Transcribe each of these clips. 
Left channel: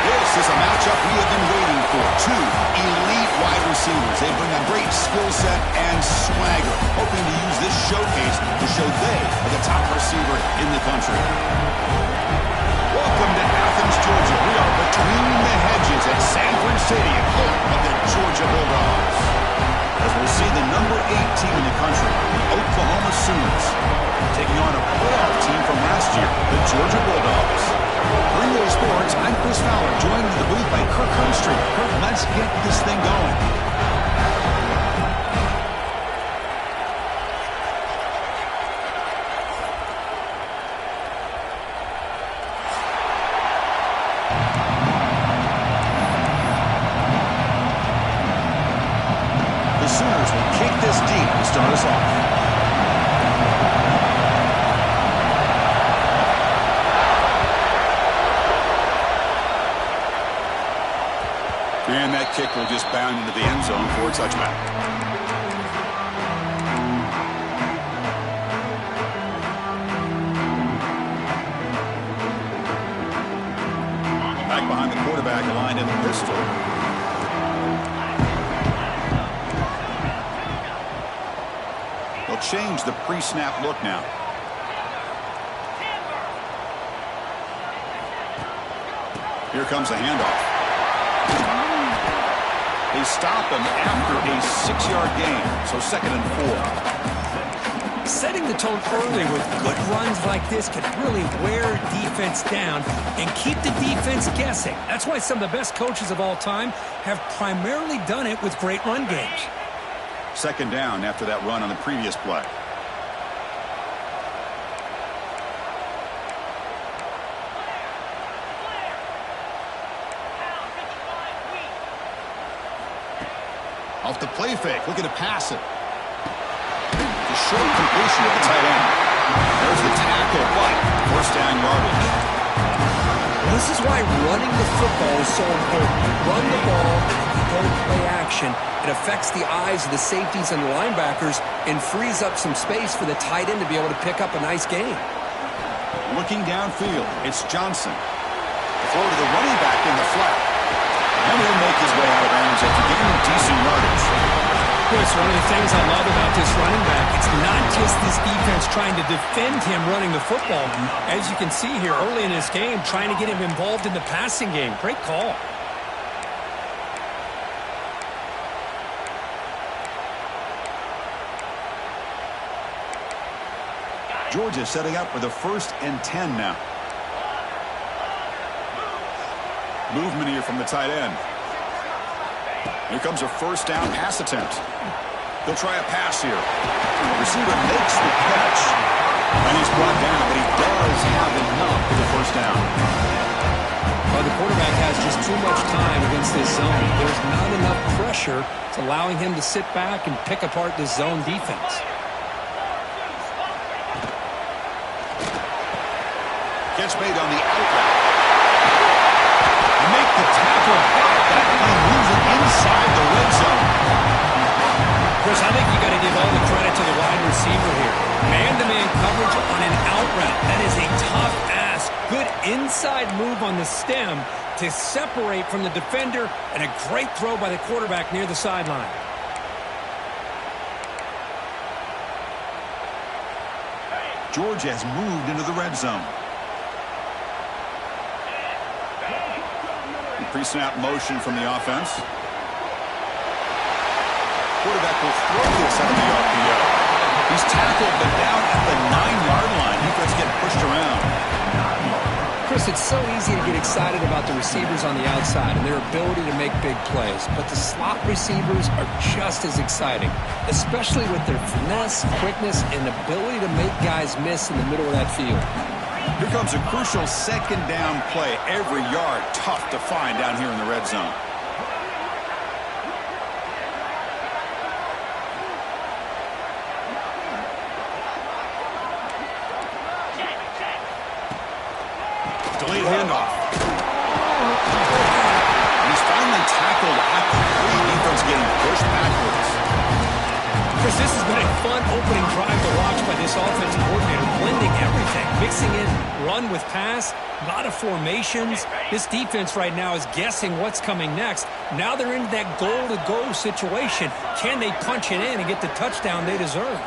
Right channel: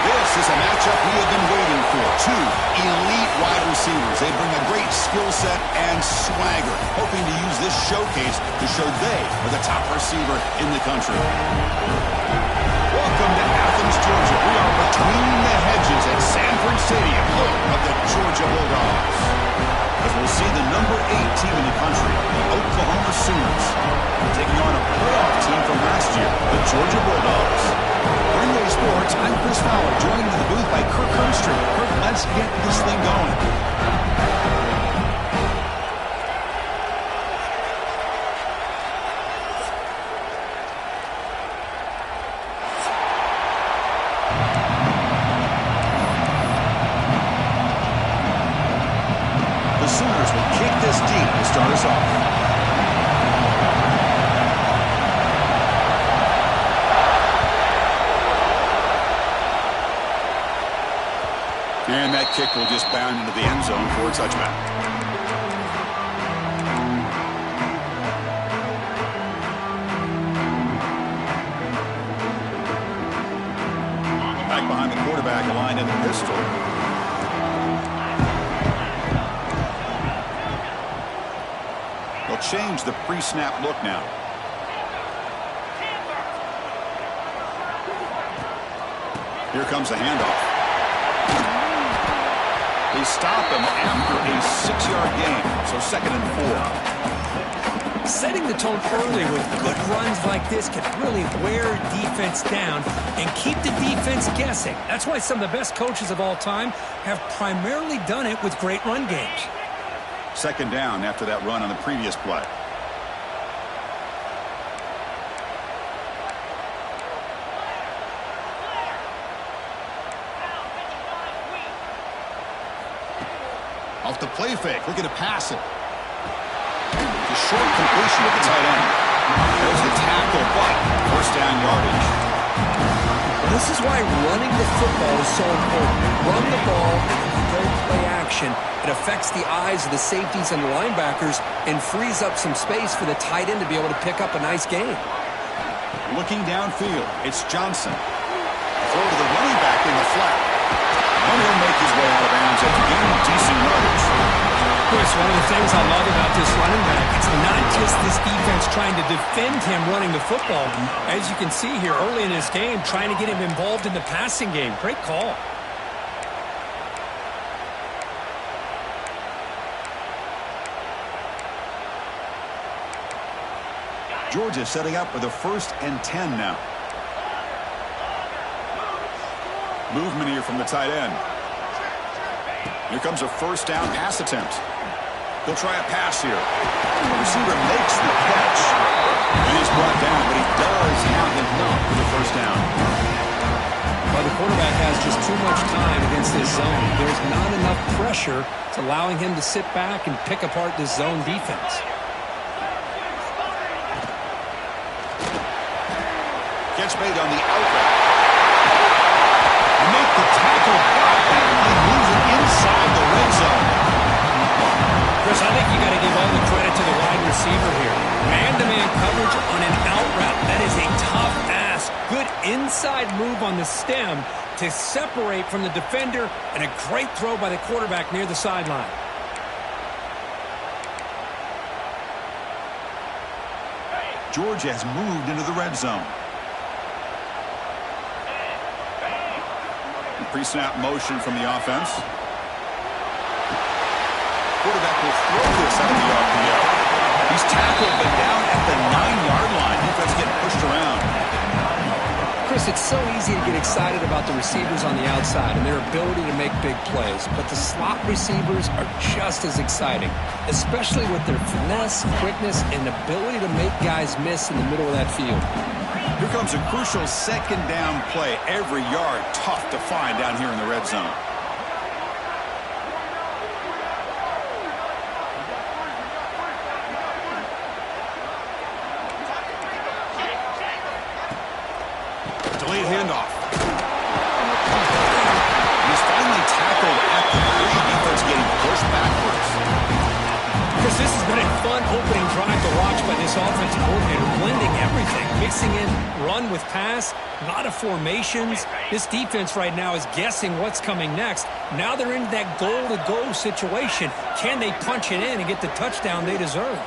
This is a matchup we have been waiting for. Two elite wide receivers. They bring a great skill set and swagger, hoping to use this showcase to show they are the top receiver in the country. Welcome to Athens, Georgia. We are between the hedges at Sanford Stadium, home of the Georgia Bulldogs. As we'll see the number 8 team in the country, the Oklahoma Sooners, taking on a playoff team from last year, the Georgia Bulldogs. For EA Sports, I'm Chris Fowler, joined in the booth by Kirk Herbstreit. Kirk, let's get this thing going. The Sooners will kick this deep to start us off. And that kick will just bound into the end zone for a touchback. Back behind the quarterback, aligned in the pistol. They'll change the pre-snap look now. Here comes the handoff. They stop him after a 6-yard gain, so 2nd and 4. Setting the tone early with good runs like this can really wear defense down and keep the defense guessing. That's why some of the best coaches of all time have primarily done it with great run games. 2nd down after that run on the previous play. Off the play fake, looking to pass it. It's a short completion at the tight end. There's the tackle, but first down yardage. Well, this is why running the football is so important. You run the ball, and if you don't play action, it affects the eyes of the safeties and the linebackers and frees up some space for the tight end to be able to pick up a nice gain. Looking downfield, it's Johnson. Throw to the running back in the flat. And he'll make his way out of bounds after gaining decent yardage. Chris, one of the things I love about this running back, it's not just this defense trying to defend him running the football. As you can see here early in this game, trying to get him involved in the passing game. Great call. Georgia setting up with a 1st and 10 now. Movement here from the tight end. Here comes a 1st down pass attempt. They'll try a pass here. The receiver makes the catch. And he's brought down, but he does have enough for the 1st down. Well, the quarterback has just too much time against this zone. There's not enough pressure. It's allowing him to sit back and pick apart this zone defense. Gets made on the out route. Make the tackle, but that play moves it inside the red zone. Chris, I think you got to give all the credit to the wide receiver here. Man-to-man coverage on an out route. That is a tough ask. Good inside move on the stem to separate from the defender, and a great throw by the quarterback near the sideline. Georgia has moved into the red zone. Pre-snap motion from the offense. Quarterback will throw this out of the RPO. He's tackled, but down at the 9-yard line. Defense getting pushed around. Chris, it's so easy to get excited about the receivers on the outside and their ability to make big plays, but the slot receivers are just as exciting, especially with their finesse, quickness, and ability to make guys miss in the middle of that field. Here comes a crucial second down play. Every yard tough to find down here in the red zone. Delayed handoff. He's finally tackled at the 3. Defense getting pushed backwards. Chris, this has been a fun opening drive to watch by this offensive coordinator, blending everything, mixing in run with pass, a lot of formations. This defense right now is guessing what's coming next. Now they're in that goal-to-go situation. Can they punch it in and get the touchdown they deserve?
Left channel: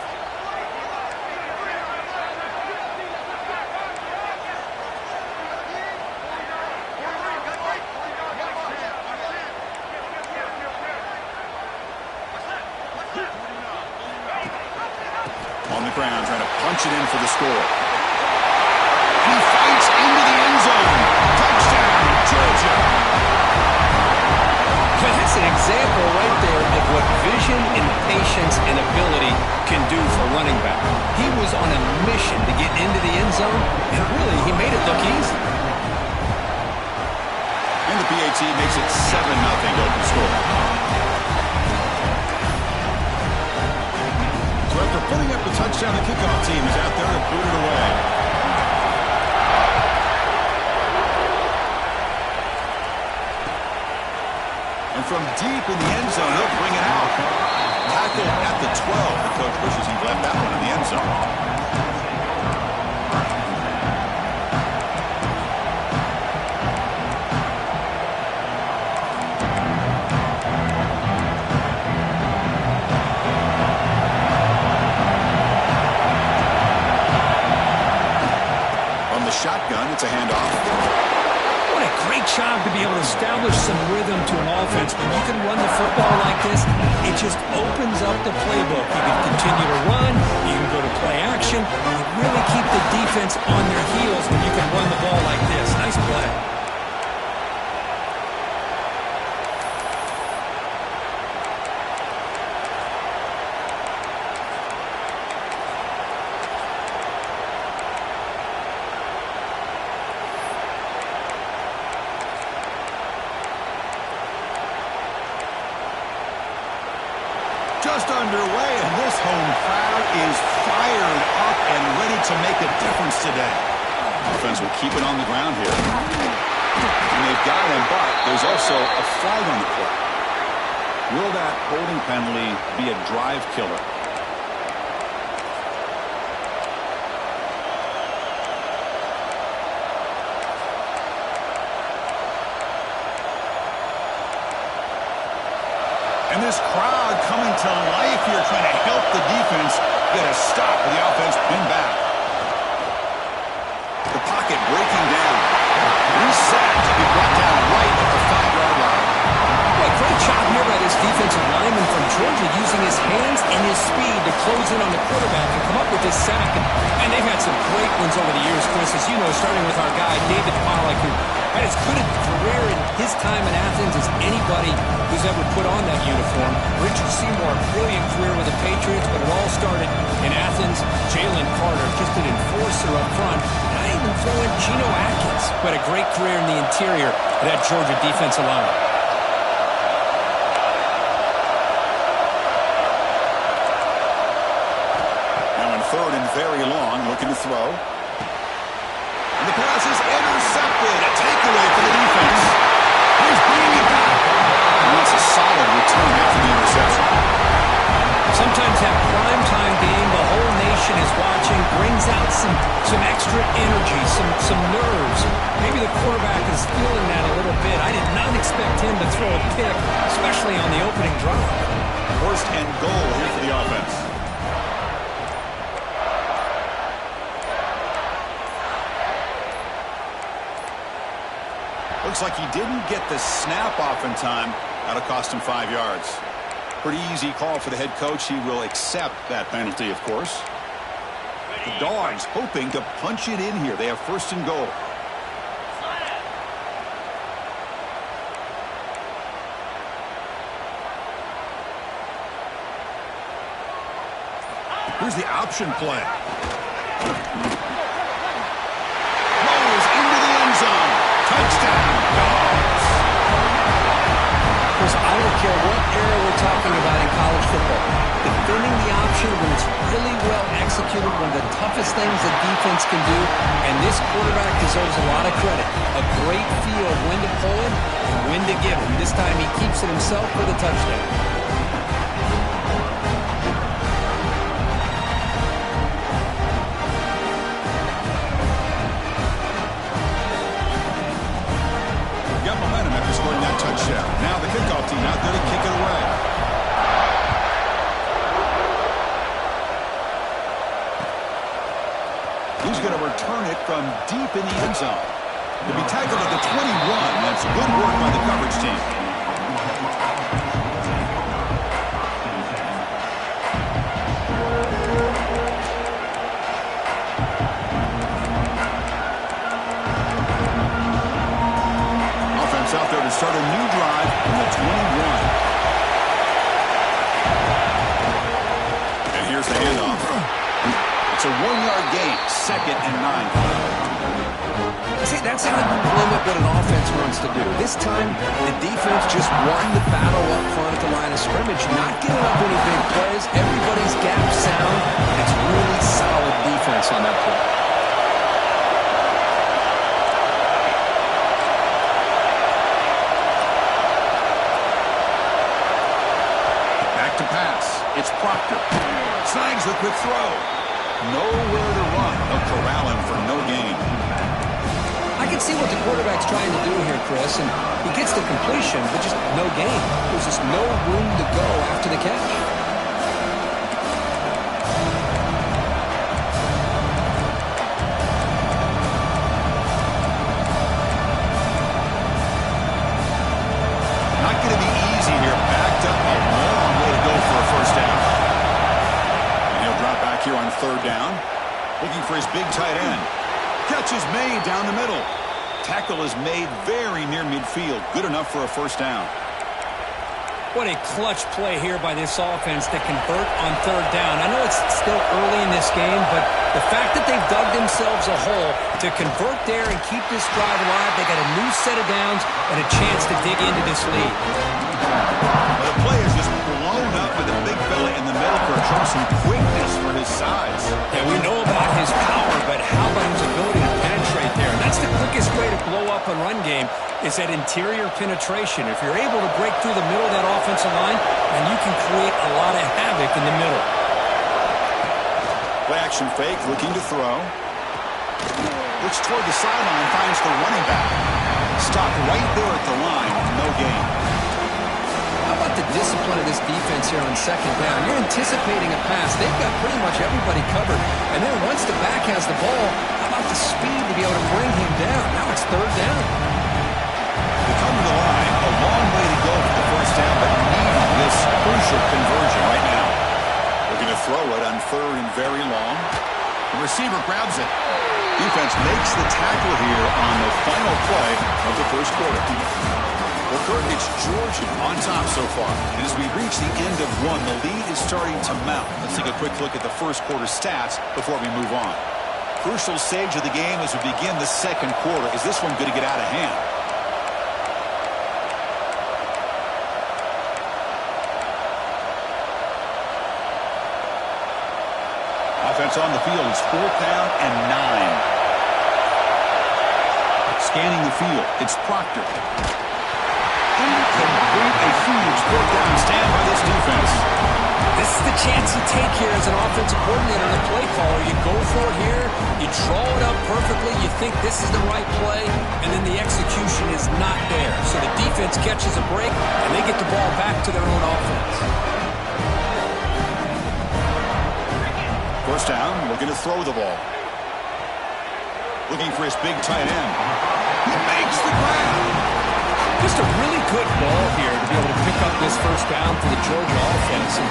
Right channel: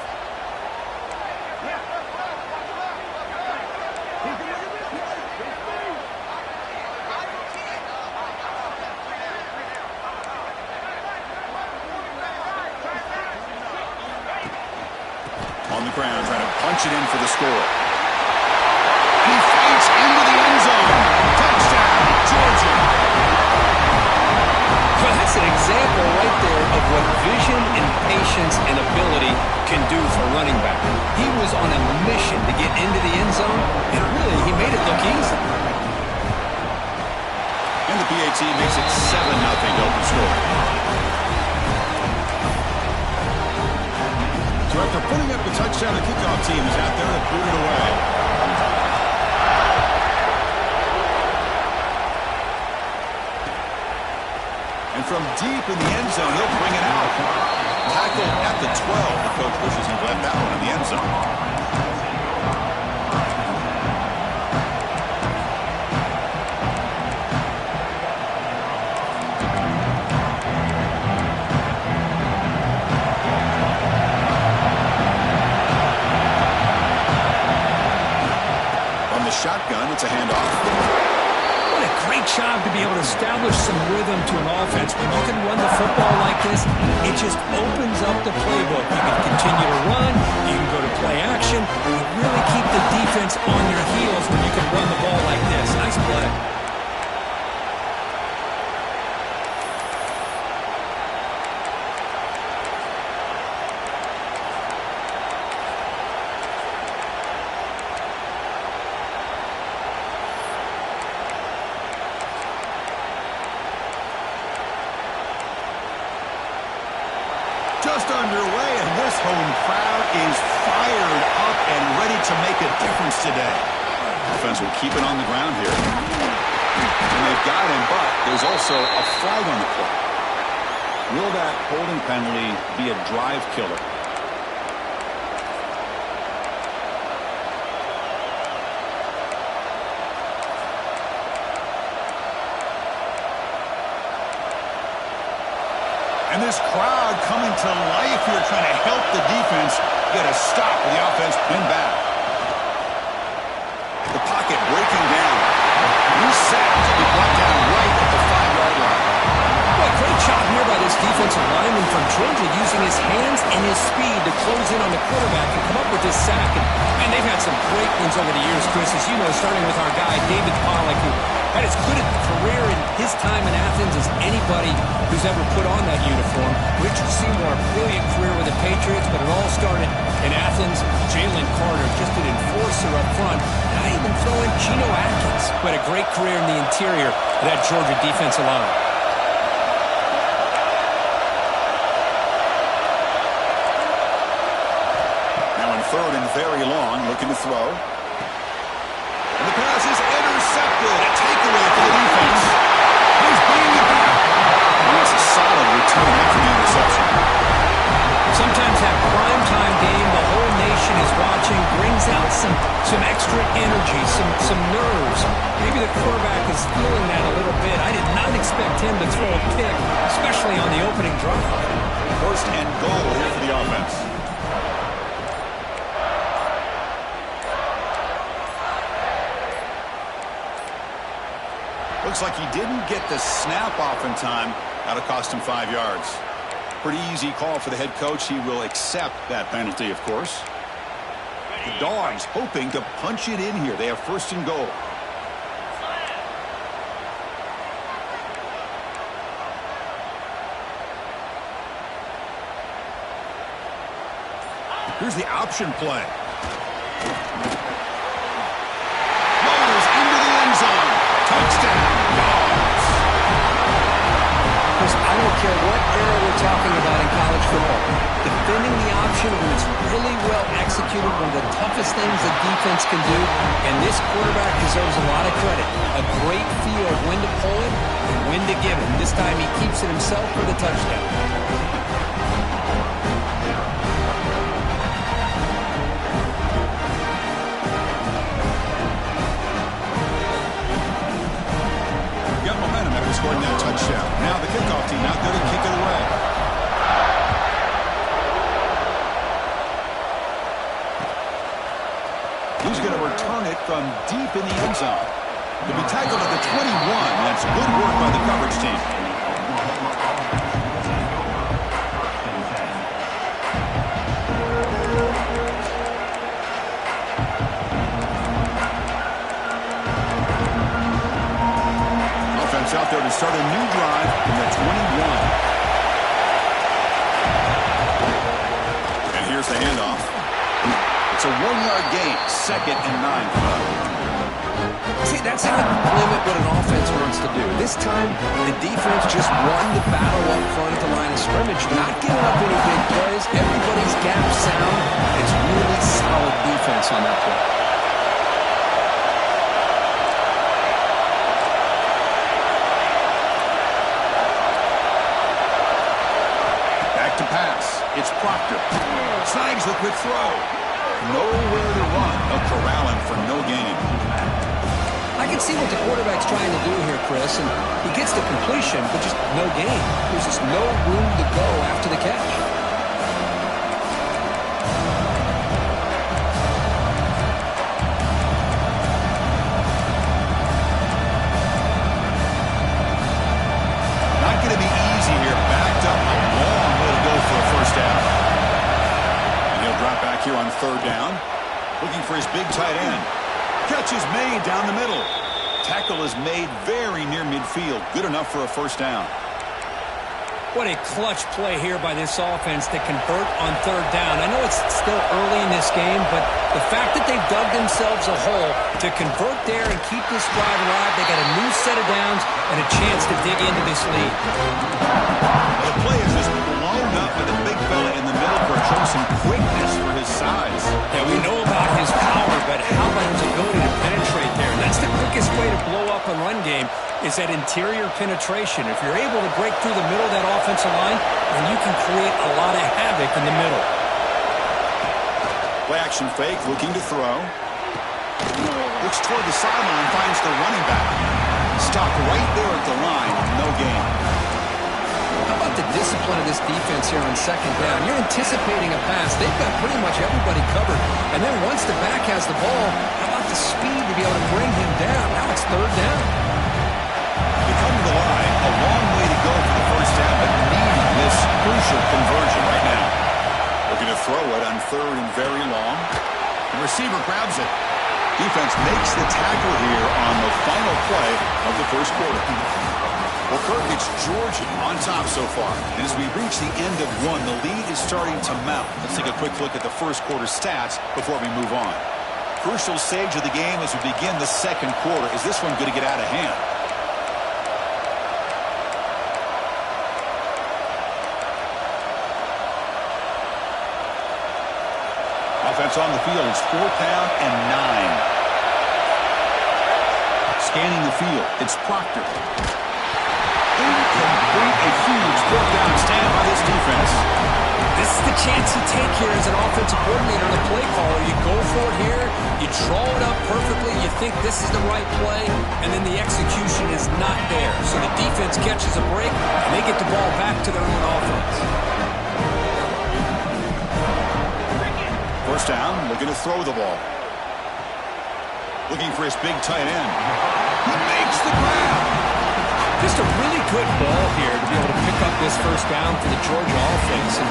On the ground, trying to punch it in for the score. And he fights into the end zone. Touchdown, Georgia. Well, that's an example right there of what vision and patience and ability can do for running back. He was on a mission to get into the end zone, and really, he made it look easy. And the PAT makes it 7-0 open score. So after putting up the touchdown, the kickoff team is out there to boot it away. And from deep in the end zone, he'll bring it out. Tackled at the 12. The coach wishes he'd left that one in the end zone. Shotgun, it's a handoff. What a great job to be able to establish some rhythm to an offense. When you can run the football like this, it just opens up the playbook. You can continue to run, you can go to play action, you really keep the defense on their heels when you can run the ball like this. Nice play. Just underway, and this home crowd is fired up and ready to make a difference today. Offense will keep it on the ground here. And they've got him, but there's also a flag on the play. Will that holding penalty be a drive killer? And this crowd coming to life here, trying to help the defense get a stop with the offense pinned back. The pocket breaking down. He's sacked to be brought down right at the 5-yard line. Boy, great job here by this defensive lineman from Georgia, using his hands and his speed to close in on the quarterback and come up with this sack. And they've had some great ones over the years, Chris, as you know, starting with our guy, David Pollack, who had as good a career in his time in Athens as anybody who's ever put on that uniform. Richard Seymour, brilliant career with the Patriots, but it all started in Athens. Jalen Carter, just an enforcer up front. And I even throw in Geno Atkins, who had a great career in the interior of that Georgia defensive line. Now in 3rd and very long, looking to throw. And the pass return after the interception. Sometimes that primetime game, the whole nation is watching, brings out some extra energy, some nerves. Maybe the quarterback is feeling that a little bit. I did not expect him to throw a pick, especially on the opening drive. First and goal here for the offense. Looks like he didn't get the snap off in time. That'll cost him 5 yards. Pretty easy call for the head coach. He will accept that penalty, of course. The Dogs hoping to punch it in here. They have first and goal. Here's the option play. Floaters into the end zone. Touchdown, Dogs. I don't care what era we're talking about in college football. Defending the option when it's really well executed, one of the toughest things a defense can do, and this quarterback deserves a lot of credit. A great feel of when to pull it and when to give it. This time he keeps it himself for the touchdown. Scoring that touchdown. Now the kickoff team out there to kick it away. He's going to return it from deep in the end zone. To be tackled at the 21. That's good work by the coverage team. Out there to start a new drive from the 21. And here's the handoff. It's a 1-yard gain, 2nd and 9. See, that's how you limit what an offense wants to do. This time, the defense just won the battle up front at the line of scrimmage, not giving up any big plays. Everybody's gap sound. It's really solid defense on that play. To pass. It's Proctor. Snags the quick throw. Nowhere to run. They'll corral him for no gain. I can see what the quarterback's trying to do here, Chris, and he gets the completion, but just no gain. There's just no room to go after the catch. Not going to be easy here. Backed up a long way to go for a first down. And he'll drop back here on 3rd down. Looking for his big tight end. Catch is made down the middle. Tackle is made very near midfield. Good enough for a first down. What a clutch play here by this offense to convert on 3rd down. I know it's still early in this game, but the fact that they've dug themselves a hole to convert there and keep this drive alive, they got a new set of downs and a chance to dig into this lead. Well, the play is just blown up by the big fella in the middle court, showing some quickness for his size. Yeah, we know about his power, but how about his ability to penetrate there? And that's the quickest way to blow up a run game, is that interior penetration. If you're able to break through the middle of that offensive line, then you can create a lot of havoc in the middle. Play action fake, looking to throw. Looks toward the sideline, finds the running back. Stopped right there at the line, no gain. How about the discipline of this defense here on 2nd down? You're anticipating a pass. They've got pretty much everybody covered. And then once the back has the ball, how about the speed to be able to bring him down? Now it's 3rd down. They come to the line, a long way to go for the first down, but needing this crucial conversion right now. Looking to throw it on 3rd and very long. The receiver grabs it. Defense makes the tackle here on the final play of the first quarter. Well, Kirk, it's Georgia on top so far. And as we reach the end of one, the lead is starting to mount. Let's take a quick look at the first quarter stats before we move on. Crucial stage of the game as we begin the second quarter. Is this one going to get out of hand? Offense on the field. It's 4th down and 9. Scanning the field. It's Proctor. Incomplete. A huge fourth down stand by this defense. This is the chance you take here as an offensive coordinator and a play caller. You go for it here. You draw it up perfectly. You think this is the right play, and then the execution is not there. So the defense catches a break, and they get the ball back to their own offense. First down, looking to throw the ball. Looking for his big tight end. He makes the grab. Just a really good ball here to be able to pick up this first down for the Georgia offense. And,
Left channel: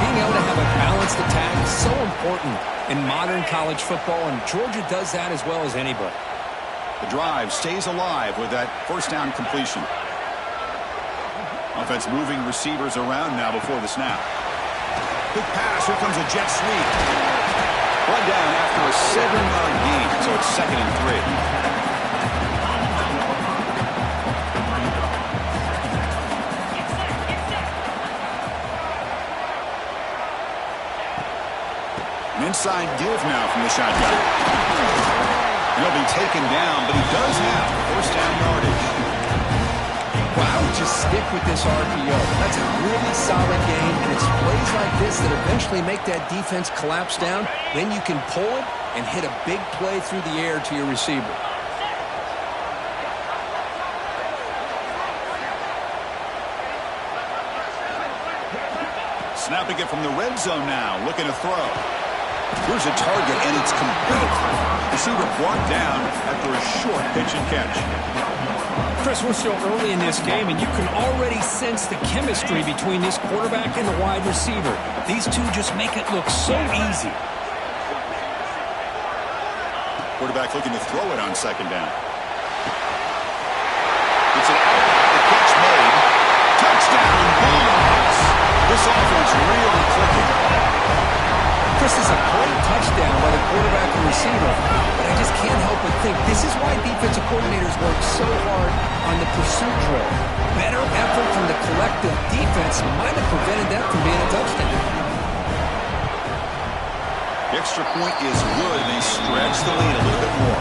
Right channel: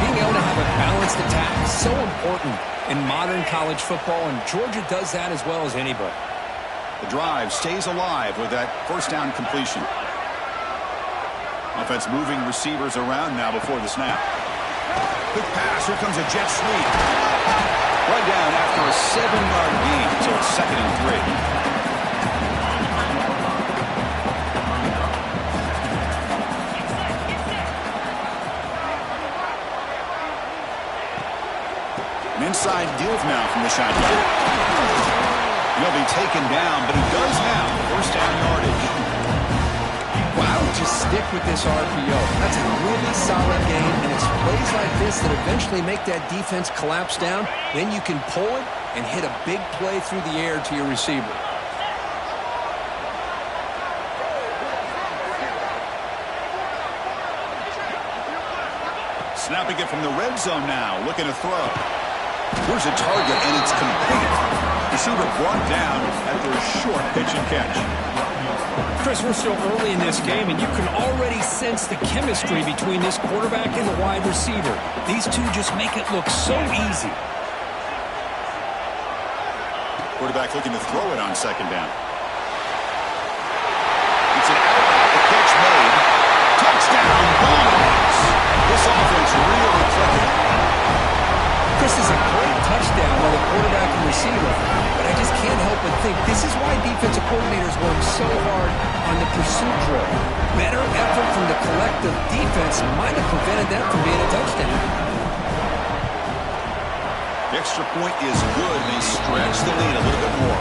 being able to have a balanced attack is so important in modern college football, and Georgia does that as well as anybody. The drive stays alive with that first down completion. Offense moving receivers around now before the snap. Quick pass. Here comes a jet sweep. Run down after a 7-yard gain, so it's 2nd and 3. An inside give now from the shotgun. And he'll be taken down, but he does have first down yardage. Well, I would just stick with this RPO. That's a really solid game, and it's plays like this that eventually make that defense collapse down. Then you can pull it and hit a big play through the air to your receiver. Snapping it from the red zone now, looking to throw. Here's a target, and it's complete. Receiver brought down after a short pitch and catch. Chris, we're still early in this game, and you can already sense the chemistry between this quarterback and the wide receiver. These two just make it look so easy. Quarterback looking to throw it on 2nd down. It's an out, the catch made. Touchdown, Bulldogs! This offense really clicking. Chris, is a great touchdown by the quarterback and receiver, but I just can't help but think this is why defensive coordinators work so hard on the pursuit drill. Better effort from the collective defense might have prevented that from being a touchdown. The extra point is good, and they stretch the lead a little bit more.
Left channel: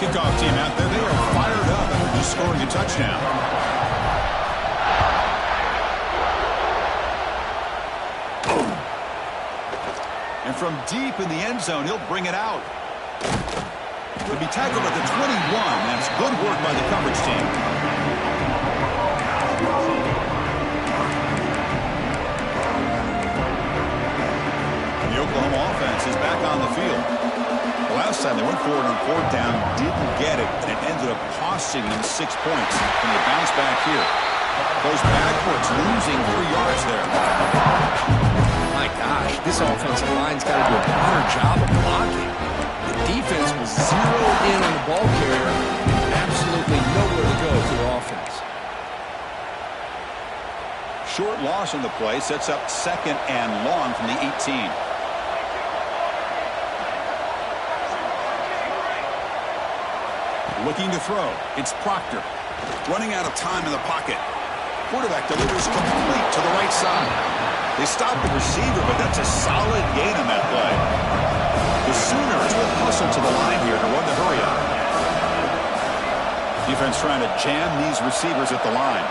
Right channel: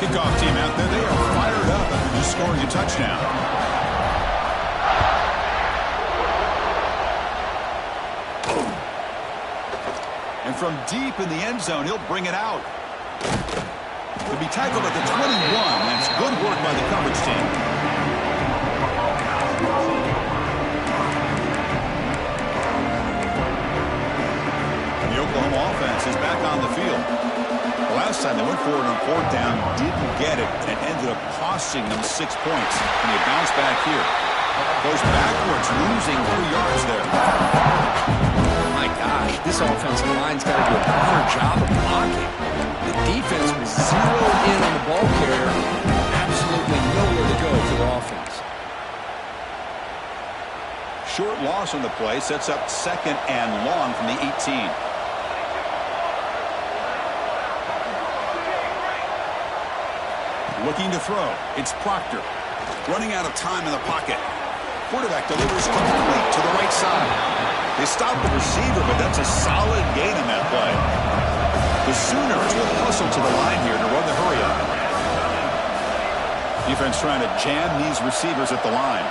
Kickoff team out there, they are fired up after just scoring a touchdown. And from deep in the end zone, he'll bring it out. He'll be tackled at the 21. That's good work by the coverage team. The Oklahoma offense is back on the field. The last time they went forward on 4th down, didn't get it, and it ended up costing them 6 points. And they bounce back here. Goes backwards, losing 3 yards there. My gosh, this offensive line's got to do a better job of blocking. The defense was zeroed in on the ball carrier. Absolutely nowhere to go for the offense. Short loss on the play, sets up 2nd and long from the 18. Looking to throw. It's Proctor. Running out of time in the pocket. Quarterback delivers complete to the right side. They stop the receiver, but that's a solid gain on that play. The Sooners will hustle to the line here to run the hurry-up. Defense trying to jam these receivers at the line.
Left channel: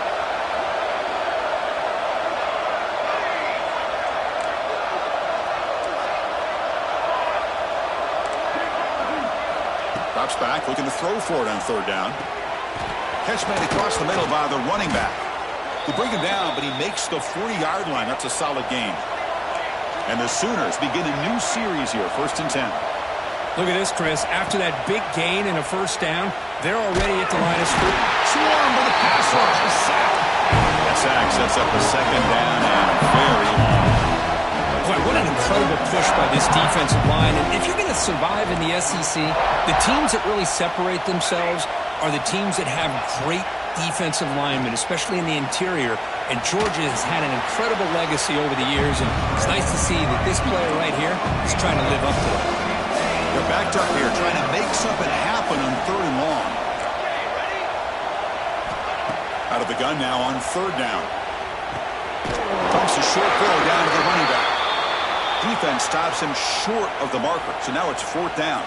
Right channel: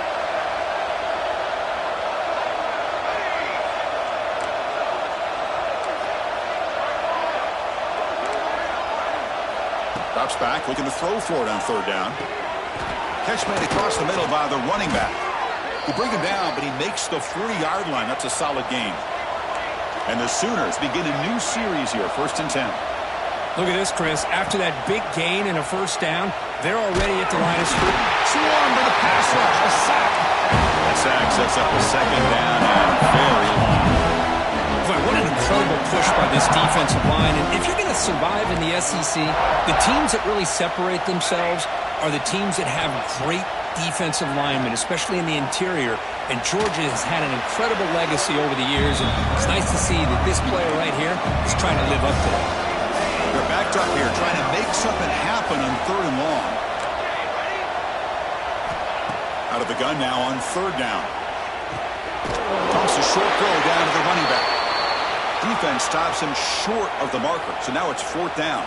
Drops back, looking to throw for it on 3rd down. Catch made across the middle by the running back. They bring him down, but he makes the 40-yard line. That's a solid gain. And the Sooners begin a new series here, 1st and 10. Look at this, Chris. After that big gain and a first down, they're already at the line of scrimmage. Swarmed by the pass rush, a sack. That sack sets up a 2nd down and very long. Boy, what an incredible push by this defensive line. And if you're going to survive in the SEC, the teams that really separate themselves are the teams that have great defensive linemen, especially in the interior. And Georgia has had an incredible legacy over the years, and it's nice to see that this player right here is trying to live up to that. They're backed up here trying to make something happen on 3rd and long. Out of the gun now on 3rd down. Pumps a short throw down to the running back. Defense stops him short of the marker, so now it's 4th down.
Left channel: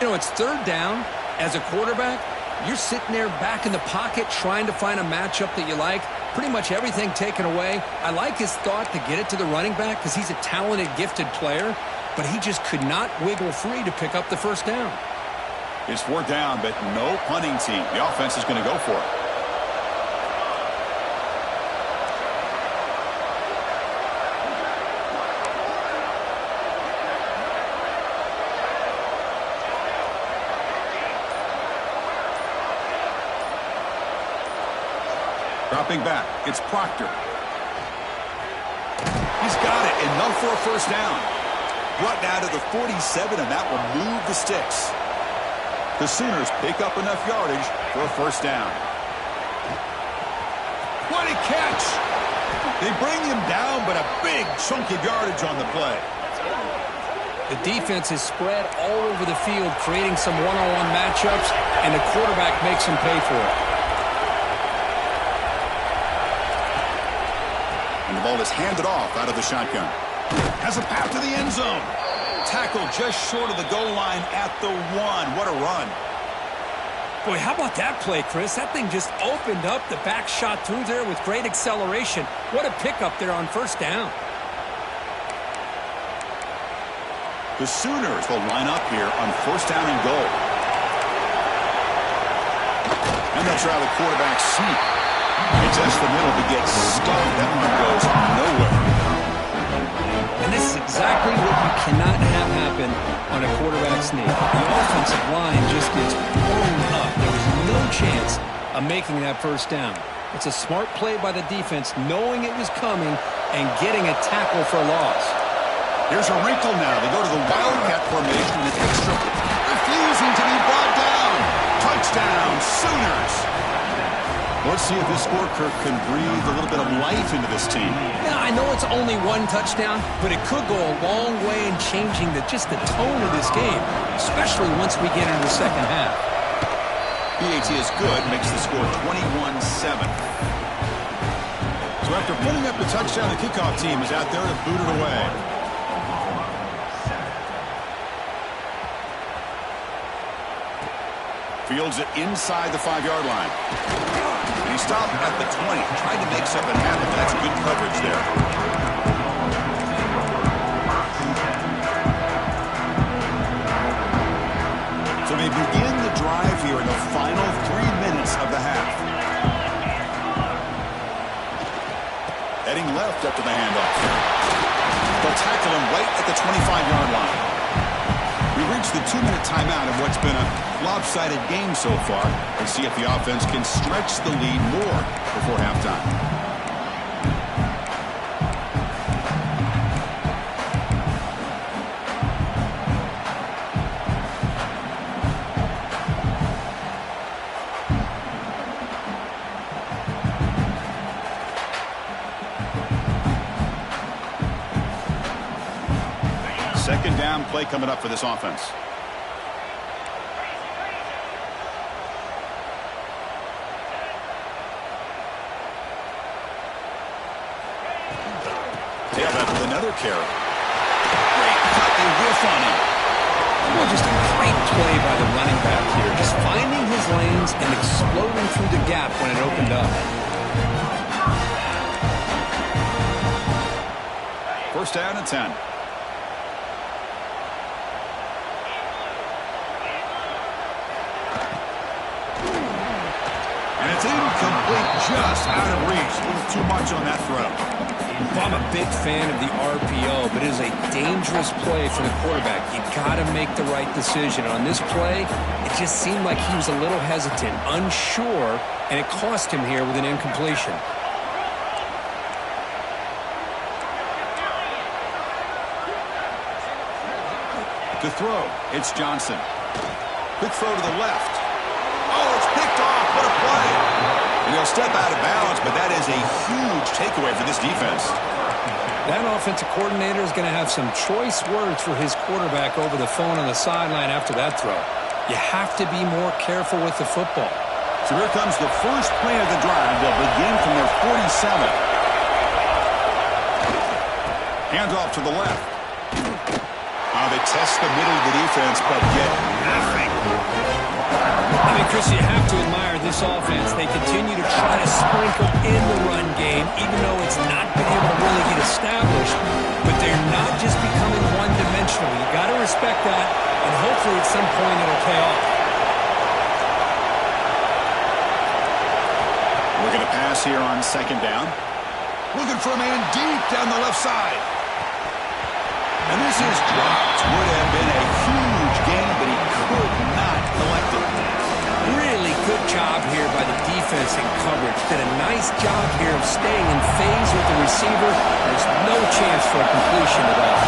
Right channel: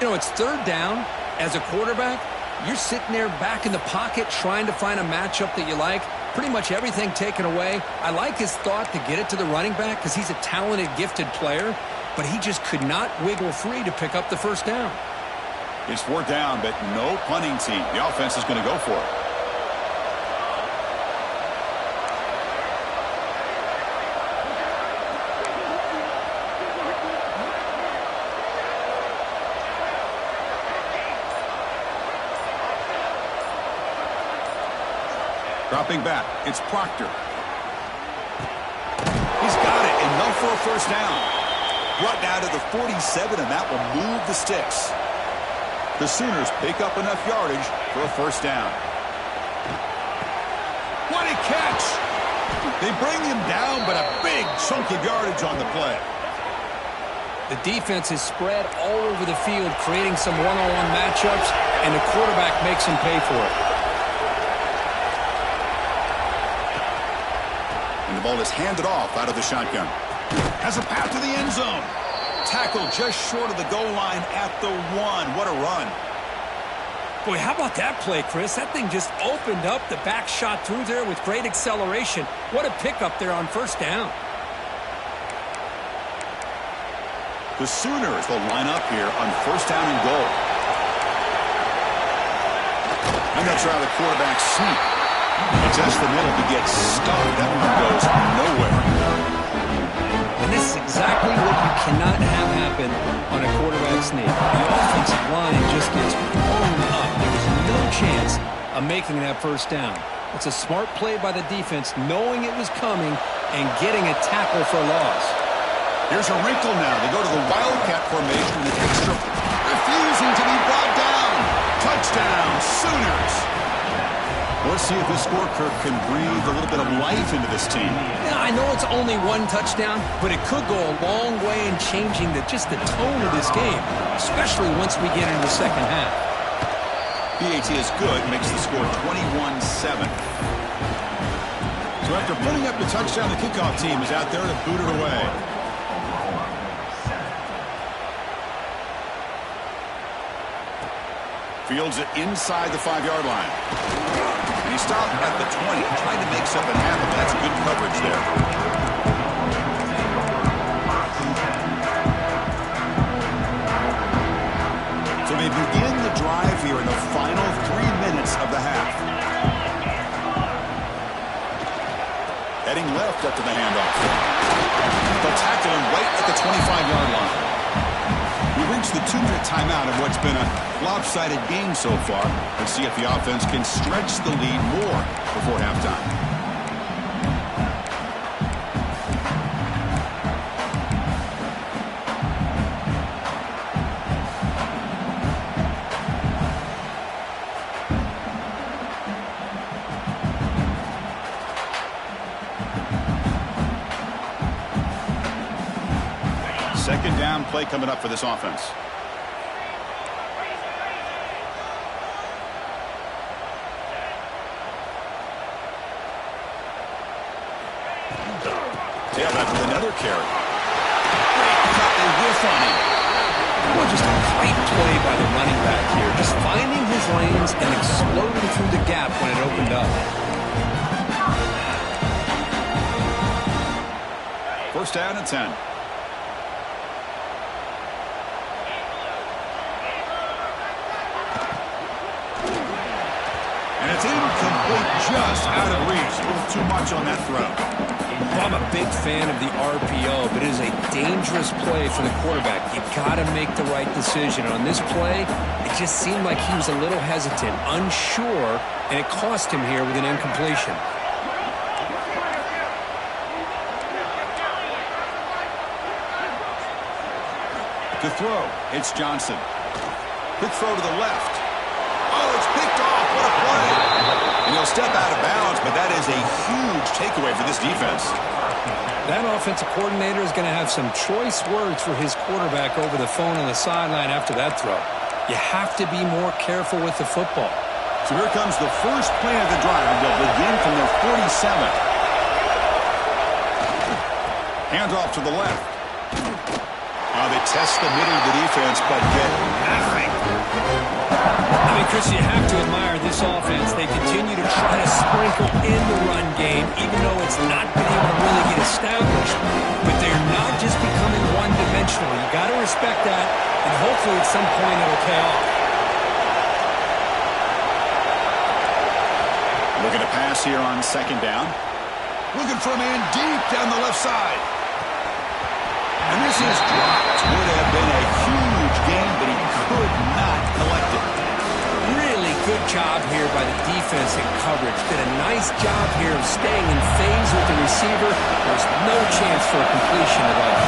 You know, it's 3rd down. As a quarterback, you're sitting there back in the pocket trying to find a matchup that you like. Pretty much everything taken away. I like his thought to get it to the running back because he's a talented, gifted player, but he just could not wiggle free to pick up the 1st down. It's 4th down, but no punting team. The offense is going to go for it. Dropping back, it's Proctor. He's got it, enough for a 1st down. Brought down to the 47, and that will move the sticks. The Sooners pick up enough yardage for a 1st down. What a catch! They bring him down, but a big chunk of yardage on the play. The defense is spread all over the field, creating some one-on-one matchups, and the quarterback makes them pay for it. And the ball is handed off out of the shotgun. Has a path to the end zone. Tackle just short of the goal line at the 1. What a run. Boy, how about that play, Chris? That thing just opened up. The back shot through there with great acceleration. What a pickup there on 1st down. The Sooners will line up here on 1st down and goal. And they'll try the quarterback sneak. It's just the middle to get stuffed. That one goes nowhere. And this is exactly what you cannot have happen on a quarterback sneak. The offensive line just gets blown up. There was no chance of making that 1st down. It's a smart play by the defense, knowing it was coming and getting a tackle for a loss. Here's a wrinkle now. They go to the Wildcat formation with an extra, refusing to be brought down. Touchdown, Sooners. Let's see if this score, Kirk, can breathe a little bit of life into this team. Yeah, I know it's only 1 touchdown, but it could go a long way in changing just the tone of this game, especially once we get into the 2nd half. PAT is good, makes the score 21-7. So after putting up the touchdown, the kickoff team is out there to boot it away. Fields it inside the 5-yard line. And he stopped at the 20, trying to make something happen, but that's good coverage there. So they begin the drive here in the final 3 minutes of the half. Heading left after the handoff. They'll tackle him right at the 25-yard line. We reached the 2-minute timeout of what's been a lopsided game so far. Let's see if the offense can stretch the lead more before halftime. Second down play coming up for this offense. Tailback with another carry. Great cut, they whiff on him. Well, just a great play by the running back here. Just finding his lanes and exploding through the gap when it opened up. 1st down and 10. And it's incomplete, just out of reach. A little too much on that throw. Well, I'm a big fan of the RPO, but it is a dangerous play for the quarterback. You got to make the right decision. On this play, it just seemed like he was a little hesitant, unsure, and it cost him here with an incompletion. To throw, it's Johnson. Quick throw to the left. Oh, it's picked off. What a play. And he'll step out of bounds, but that is a huge takeaway for this defense. That offensive coordinator is going to have some choice words for his quarterback over the phone on the sideline after that throw. You have to be more careful with the football. So here comes the first play of the drive. They'll begin from their 47. Hands off to the left. They test the middle of the defense, but get nothing. I mean, Chris, you have to admire this offense. They continue to try to sprinkle in the run game, even though it's not been able to really get established. But they're not just becoming one-dimensional. You got to respect that, and hopefully at some point it'll pay off. Looking to pass here on second down. Looking for a man deep down the left side. And this is dropped. Would have been a huge gain, but he could not collect it. Really good job here by the defense in coverage. Did a nice job here of staying in phase with the receiver. There's no chance for a completion at all.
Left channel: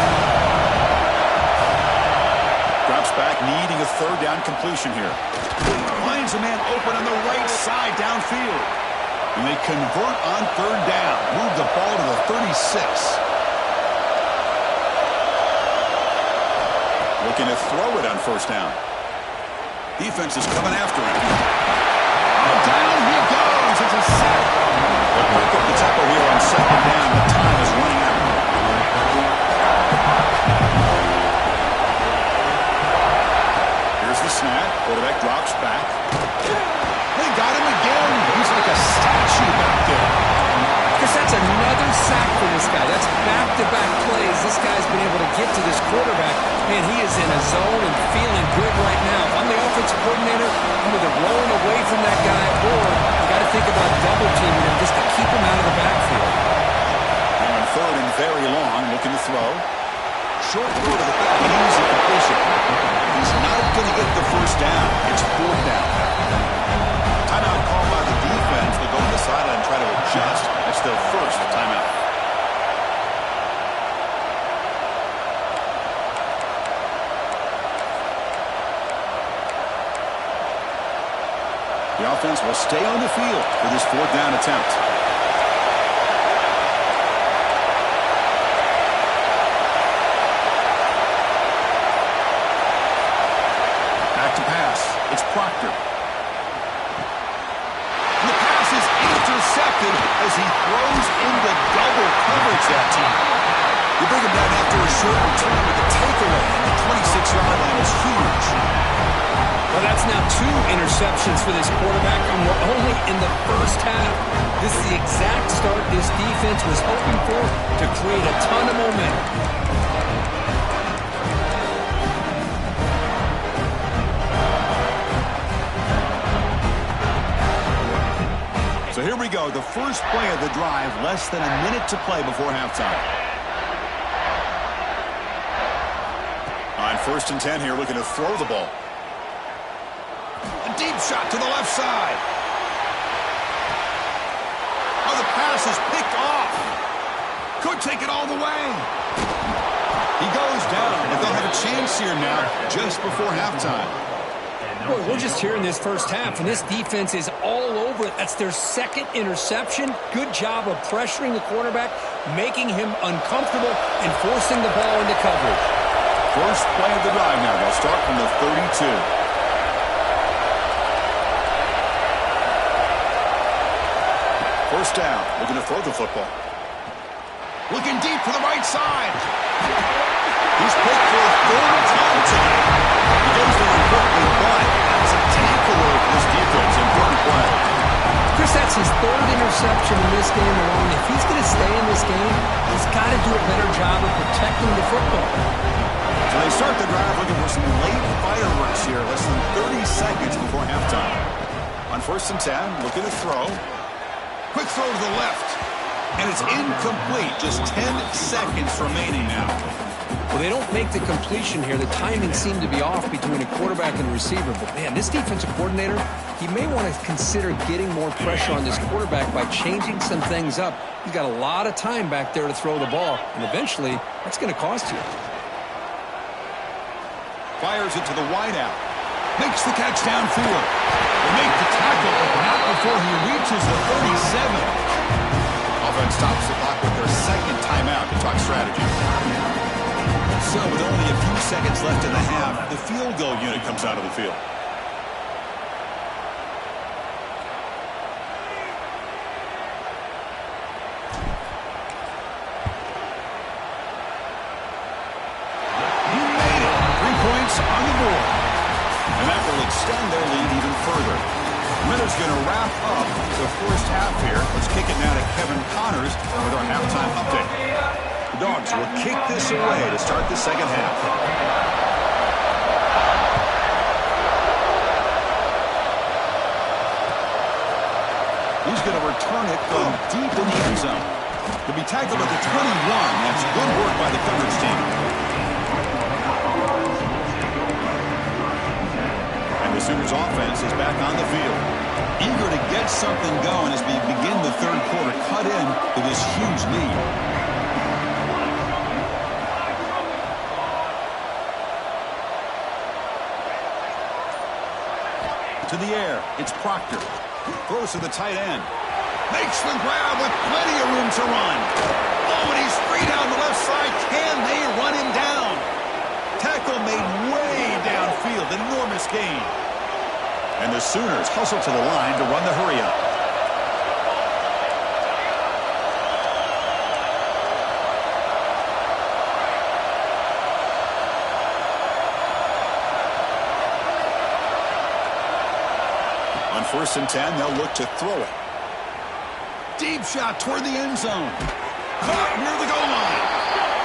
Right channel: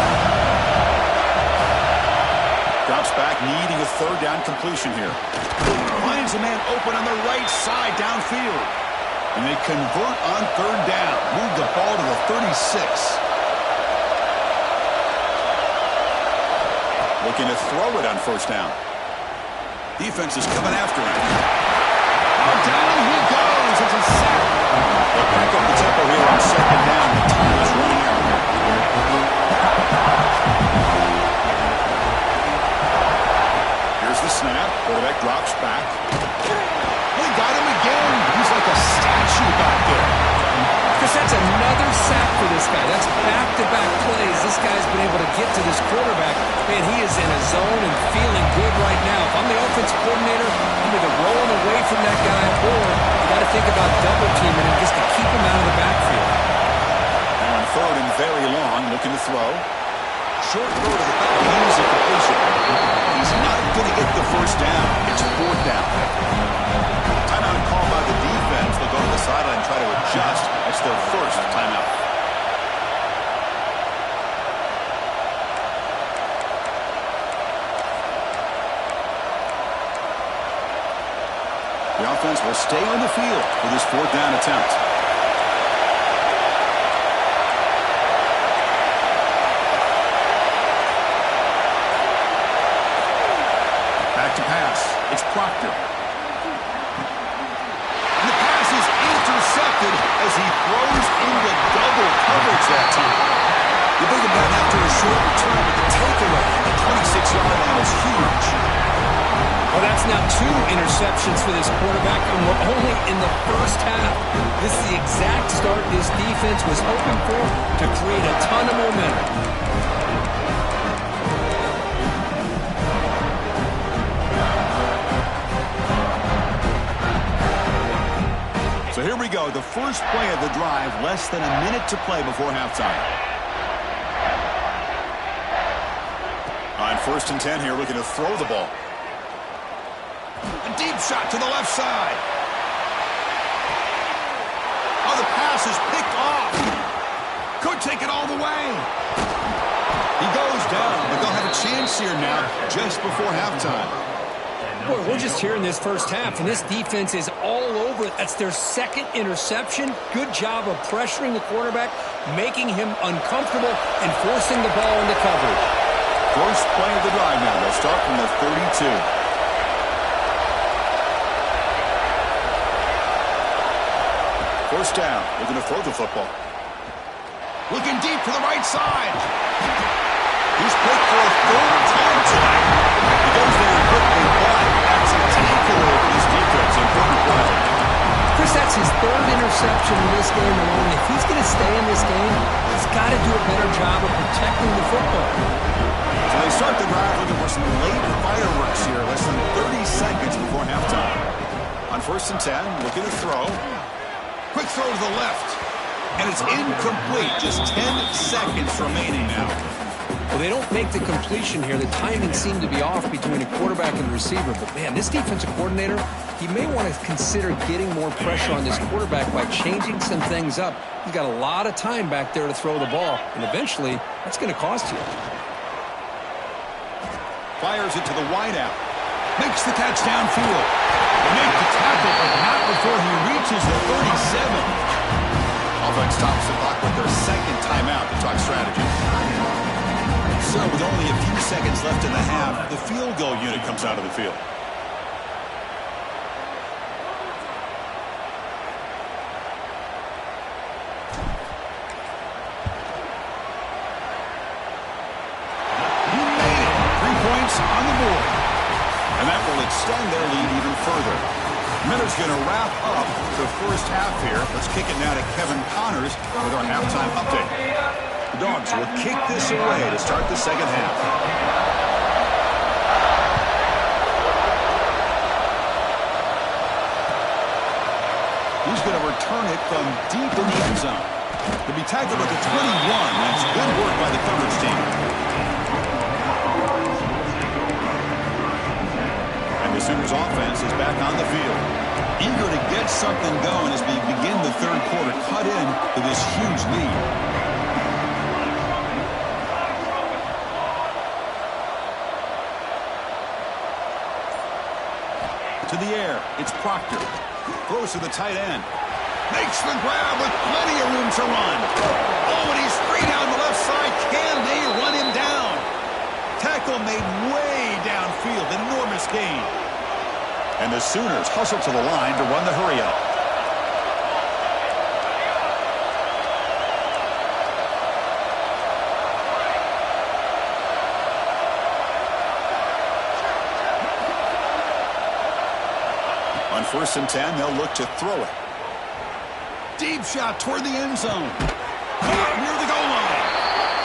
Drops back, needing a third down completion here. Finds a man open on the right side downfield. And they convert on third down. Move the ball to the 36. Looking to throw it on first down. Defense is coming after him. Oh, down he goes. It's a sack. They'll break up the tempo here on second down. The time is running out. Here's the snap. Quarterback drops back. They got him again. He's like a statue back there. Because that's another sack for this guy. That's back-to-back plays. This guy's been able to get to this quarterback. Man, he is in a zone and feeling good right now. If I'm the offensive coordinator, I'm either rolling away from that guy or you got to think about double-teaming him just to keep him out of the backfield. Now on third and very long, looking to throw. Short throw to the back, easy completion. He's not going to get the first down. It's fourth down. Timeout called by the defense. They'll go to the sideline and try to adjust. That's their first timeout. The offense will stay on the field for this fourth down attempt. Back to pass. It's Proctor. The pass is intercepted as he throws into double coverage that time. You bring him down after a short return, but the takeaway at the 26-yard line is huge. Well, that's now 2 interceptions for this quarterback, and we're only in the first half. This is the exact start this defense was hoping for to create a ton of momentum. So here we go, the first play of the drive, less than a minute to play before halftime. On first and 10 here, looking to throw the ball. A deep shot to the left side. Oh, the pass is picked off. Could take it all the way. He goes down, but they'll have a chance here now just before halftime. Boy, we're just here in this first half, and this defense is all over it. That's their second interception. Good job of pressuring the quarterback, making him uncomfortable, and forcing the ball into coverage. First play of the drive now. They'll start from the 32. First down, looking to throw the football. Looking deep to the right side. He's picked for a third time tonight. He goes down quickly, but that's a takeaway for this defense. Important play. Chris, that's his third interception in this game alone. If he's going to stay in this game, he's got to do a better job of protecting the football. So they start the drive looking for some late fireworks here, less than 30 seconds before halftime. On first and 10, looking to throw. Quick throw to the left. And it's incomplete. Just 10 seconds remaining now. Well, they don't make the completion here. The timing seemed to be off between a quarterback and a receiver. But, man, this defensive coordinator, he may want to consider getting more pressure on this quarterback by changing some things up. He's got a lot of time back there to throw the ball. And eventually, that's going to cost you. Fires it to the wideout. Makes the catch downfield. They make the tackle, but not before he reaches the 37. Offense stops the clock with their second timeout to talk strategy. So with only a few seconds left in the half, the field goal unit comes out of the field. He made it. 3 points on the board. And that will extend their lead even further. Miller's going to wrap up the first half here. Let's kick it now to Kevin Connors with our halftime update. The Dogs will kick this away to start the second half. He's going to return it from deep in the end zone. To be tackled at the 21, that's good work by the coverage team. And the Sooners offense is back on the field. Eager to get something going as we begin the third quarter, cut in to this huge lead. To the air, it's Proctor. Throws to the tight end. Makes the grab with plenty of room to run. Oh, and he's free down the left side. Can they run him down? Tackle made way downfield. Enormous gain. And the Sooners hustle to the line to run the hurry-up. On 1st and 10, they'll look to throw it. Deep shot toward the end zone. Caught near the goal line.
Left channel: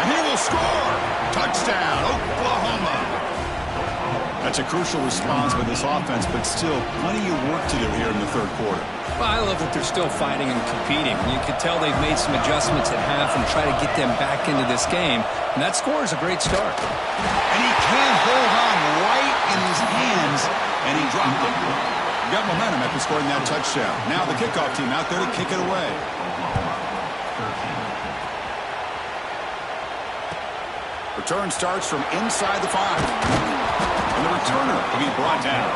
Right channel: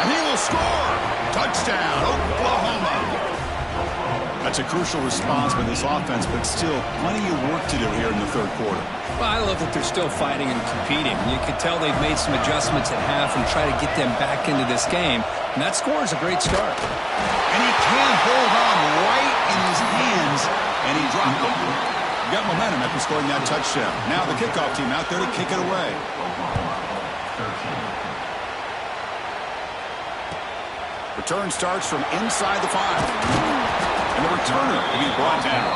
And he will score. Touchdown, Oklahoma. That's a crucial response by this offense, but still plenty of work to do here in the third quarter. Well, I love that they're still fighting and competing. You could tell they've made some adjustments at half and try to get them back into this game. And that score is a great start. And he can't hold on right in his hands, and he dropped it. Got momentum after scoring that touchdown. Now the kickoff team out there to kick it away. Return starts from inside the 5. And the returner will be brought down.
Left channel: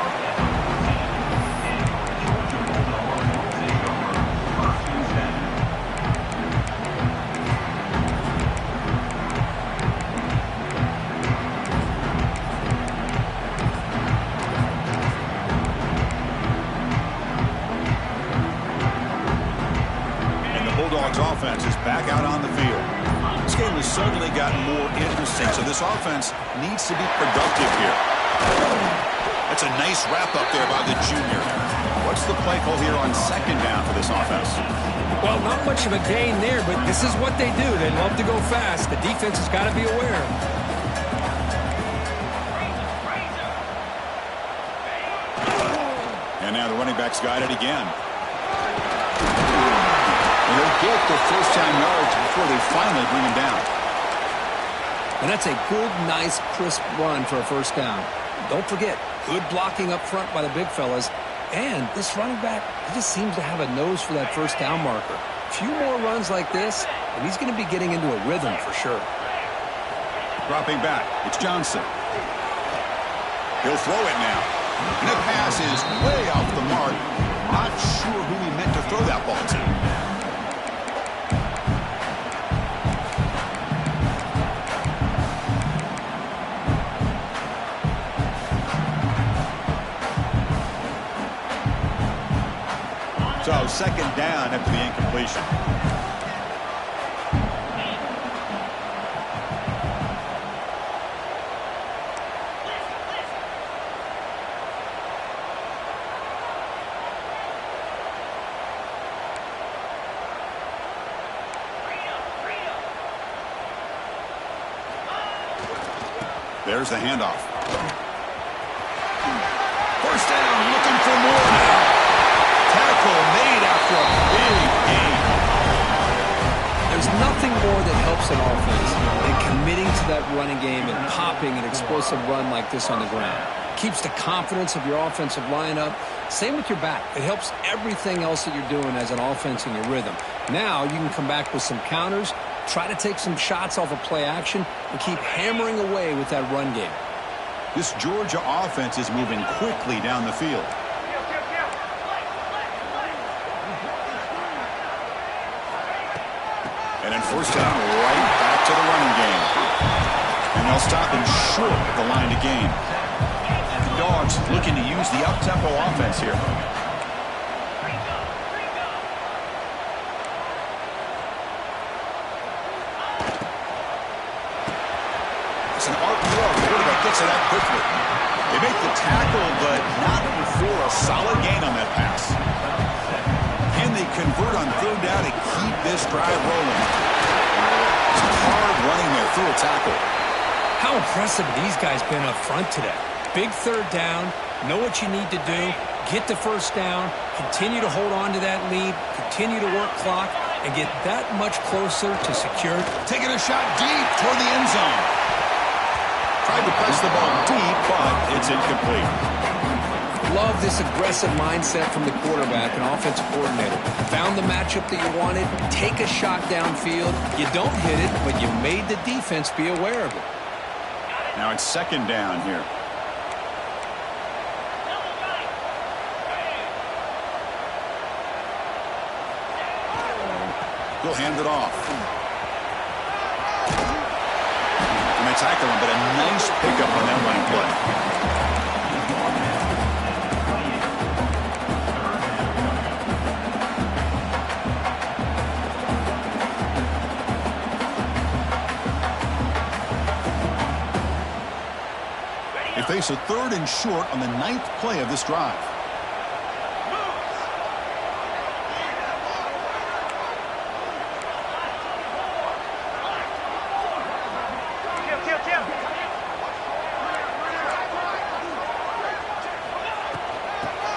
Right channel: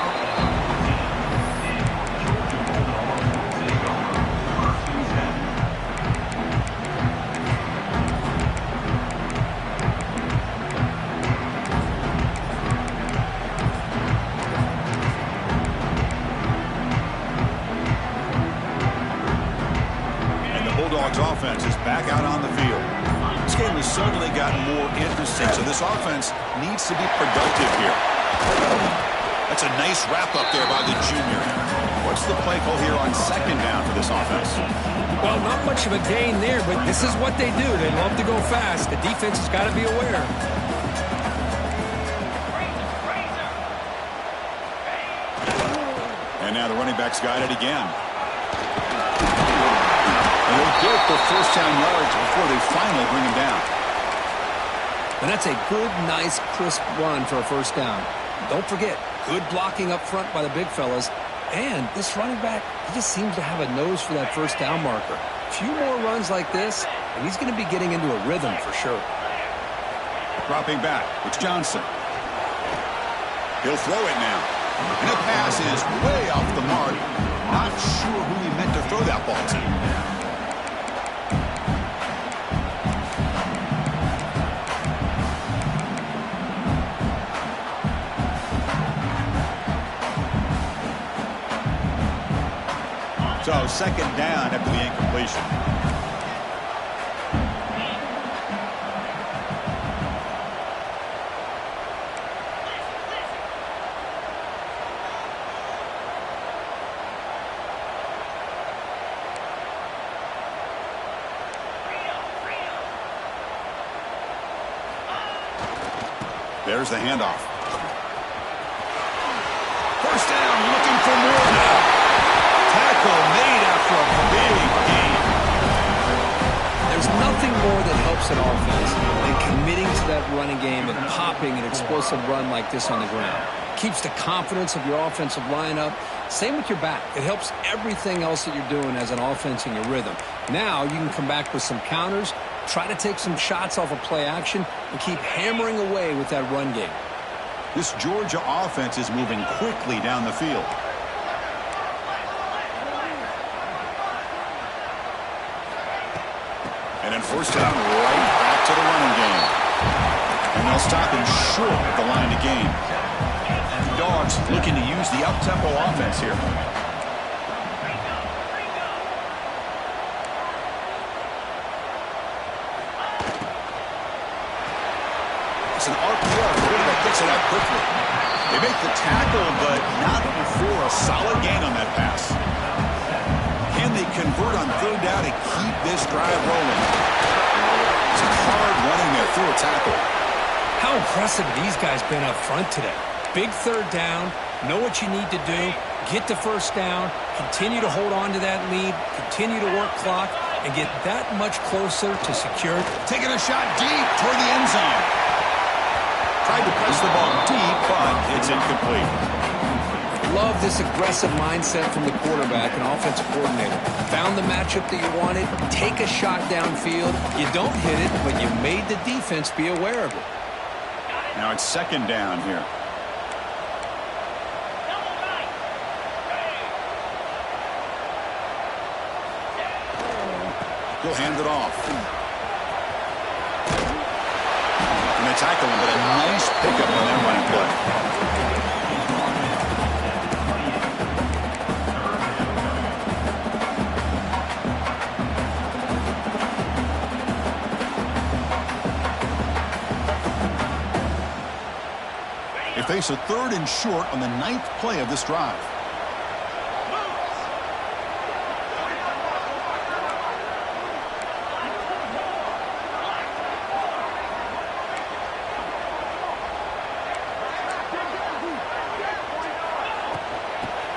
And the Bulldogs offense is back out on the field. This game has certainly gotten more interesting, so this offense needs to be productive here. That's a nice wrap-up there by the junior. What's the play call here on 2nd down for this offense? Well, not much of a gain there, but this is what they do. They love to go fast. The defense has got to be aware. And now the running back's got it again. And they'll get the first down yards before they finally bring him down. And that's a good, nice, crisp run for a first down. Don't forget, good blocking up front by the big fellas. And this running back, he just seems to have a nose for that first down marker. A few more runs like this, and he's going to be getting into a rhythm for sure. Dropping back, it's Johnson. He'll throw it now. And the pass is way off the mark. Not sure who he meant to throw that ball to. So 2nd down after the incompletion. There's the handoff. First down, looking for more now. Tackle made after a big gain. There's nothing more that helps an offense than committing to that running game and popping an explosive run like this on the ground. Keeps the confidence of your offensive lineup. Same with your back. It helps everything else that you're doing as an offense in your rhythm. Now you can come back with some counters, try to take some shots off of play action, and keep hammering away with that run game. This Georgia offense is moving quickly down the field. And first down, right back to the running game. And they'll stop him short of the line to gain. The Dogs looking to use the up-tempo offense here. It's an RPO. The quarterback gets it out quickly. They make the tackle, but not before a solid gain on that pass. Can they convert on third down to keep this drive rolling? It's hard running there through a tackle. How impressive have these guys been up front today? Big third down, know what you need to do, get the first down, continue to hold on to that lead, continue to work clock, and get that much closer to secure. Taking a shot deep toward the end zone. Tried to press the ball deep, but it's incomplete. Love this aggressive mindset from the quarterback and offensive coordinator. Found the matchup that you wanted, take a shot downfield. You don't hit it, but you made the defense be aware of it. Now it's second down here. He'll hand it off. And they tackle him, but a nice pickup on that running play. They face a third and short on the 9th play of this drive.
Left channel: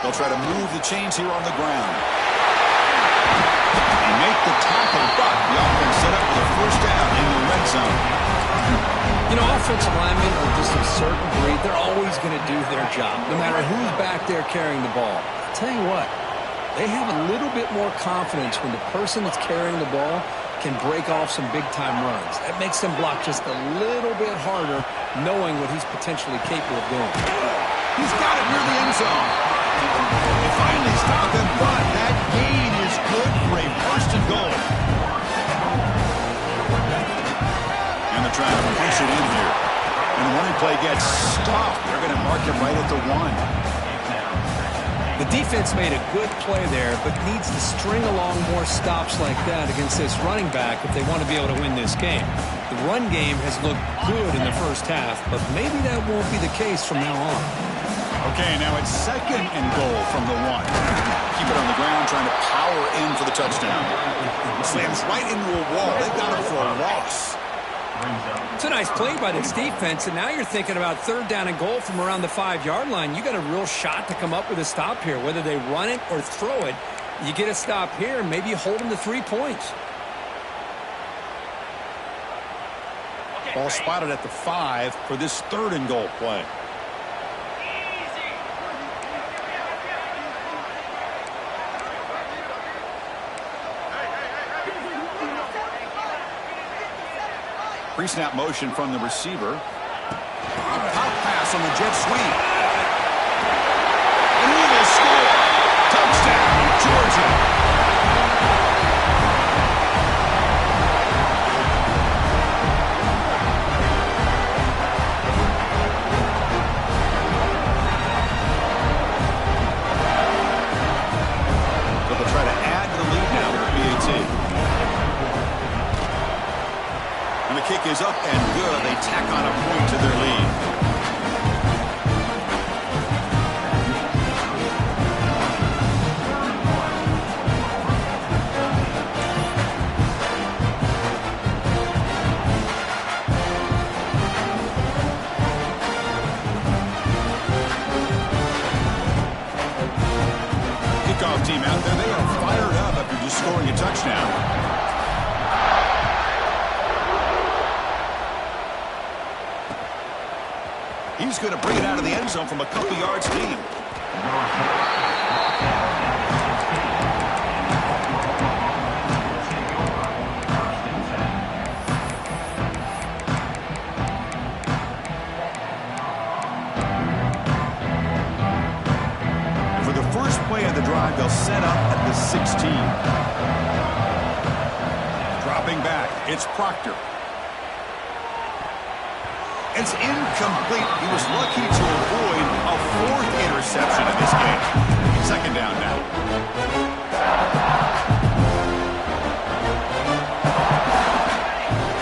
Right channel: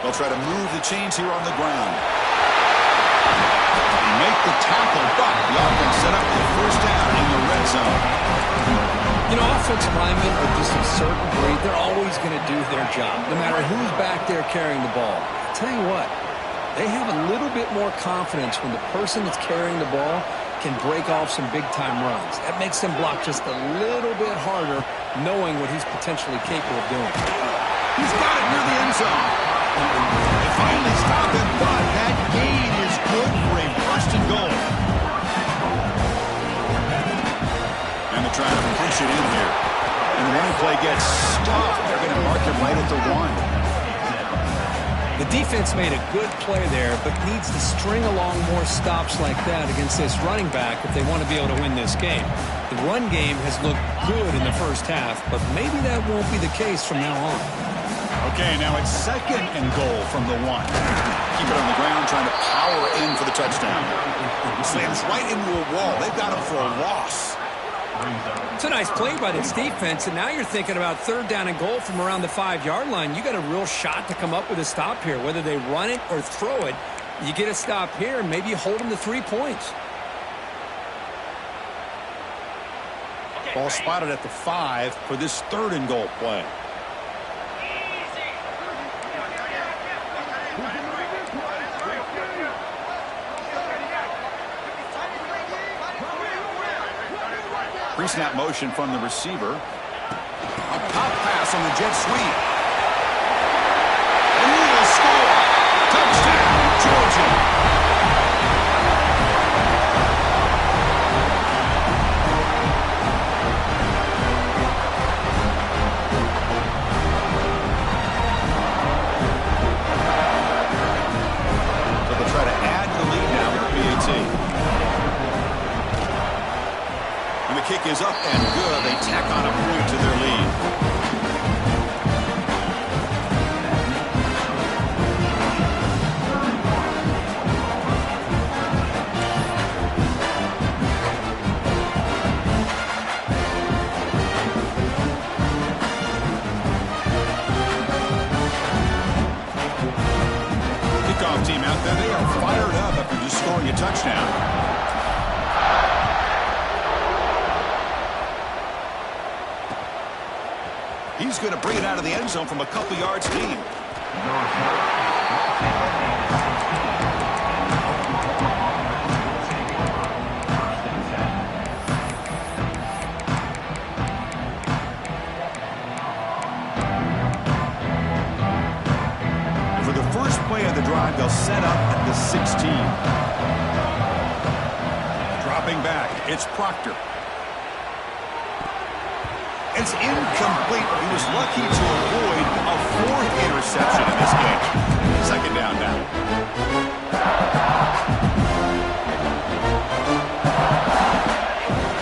They'll try to move the chains here on the ground. They make the tackle, but the offense set up for the first down in the red zone. You know, offensive linemen are just a certain breed. They're always going to do their job, no matter who's back there carrying the ball. I'll tell you what, they have a little bit more confidence when the person that's carrying the ball can break off some big-time runs. That makes them block just a little bit harder, knowing what he's potentially capable of doing. He's got it near the end zone. They finally stop him, but that gain is good for a first and goal. And they're trying to punch it in here. And the running play gets stopped. They're going to mark him right at the 1. The defense made a good play there, but needs to string along more stops like that against this running back if they want to be able to win this game. The run game has looked good in the first half, but maybe that won't be the case from now on. Okay, now it's second and goal from the 1. Keep it on the ground, trying to power in for the touchdown. Slams right into a wall. They've got him for a loss. It's a nice play by this defense, and now you're thinking about third down and goal from around the 5-yard line. You got a real shot to come up with a stop here. Whether they run it or throw it, you get a stop here, and maybe you hold them to 3 points. Ball spotted at the 5 for this third and goal play. Pre-snap motion from the receiver. A pop pass on the jet sweep. And he will score. Touchdown, Georgia. So they'll try to add to the lead now with the PAT. And the kick is up and good. They tack on a point to their lead. Kickoff team out there. They are fired up after just scoring a touchdown. He's going to bring it out of the end zone from a couple yards deep. For the first play of the drive, they'll set up at the 16. Drop Dropping back, it's Proctor. It's incomplete. He was lucky to avoid a fourth interception in this game. Second down now.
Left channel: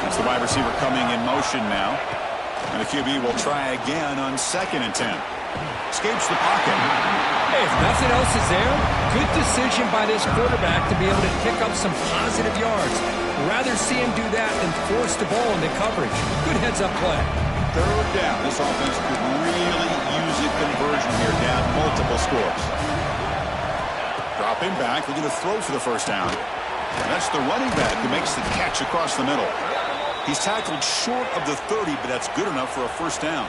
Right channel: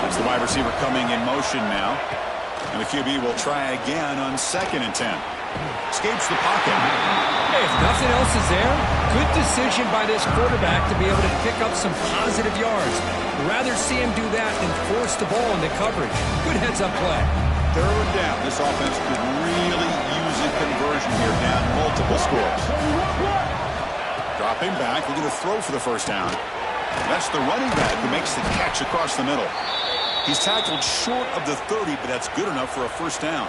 That's the wide receiver coming in motion now. And the QB will try again on 2nd and 10. Escapes the pocket. Hey, if nothing else is there, good decision by this quarterback to be able to pick up some positive yards. Rather see him do that than force the ball into coverage. Good heads-up play. 3rd down. This offense could really use a conversion here, down multiple scores. Dropping back, looking to throw for the 1st down. That's the running back who makes the catch across the middle. He's tackled short of the 30, but that's good enough for a 1st down.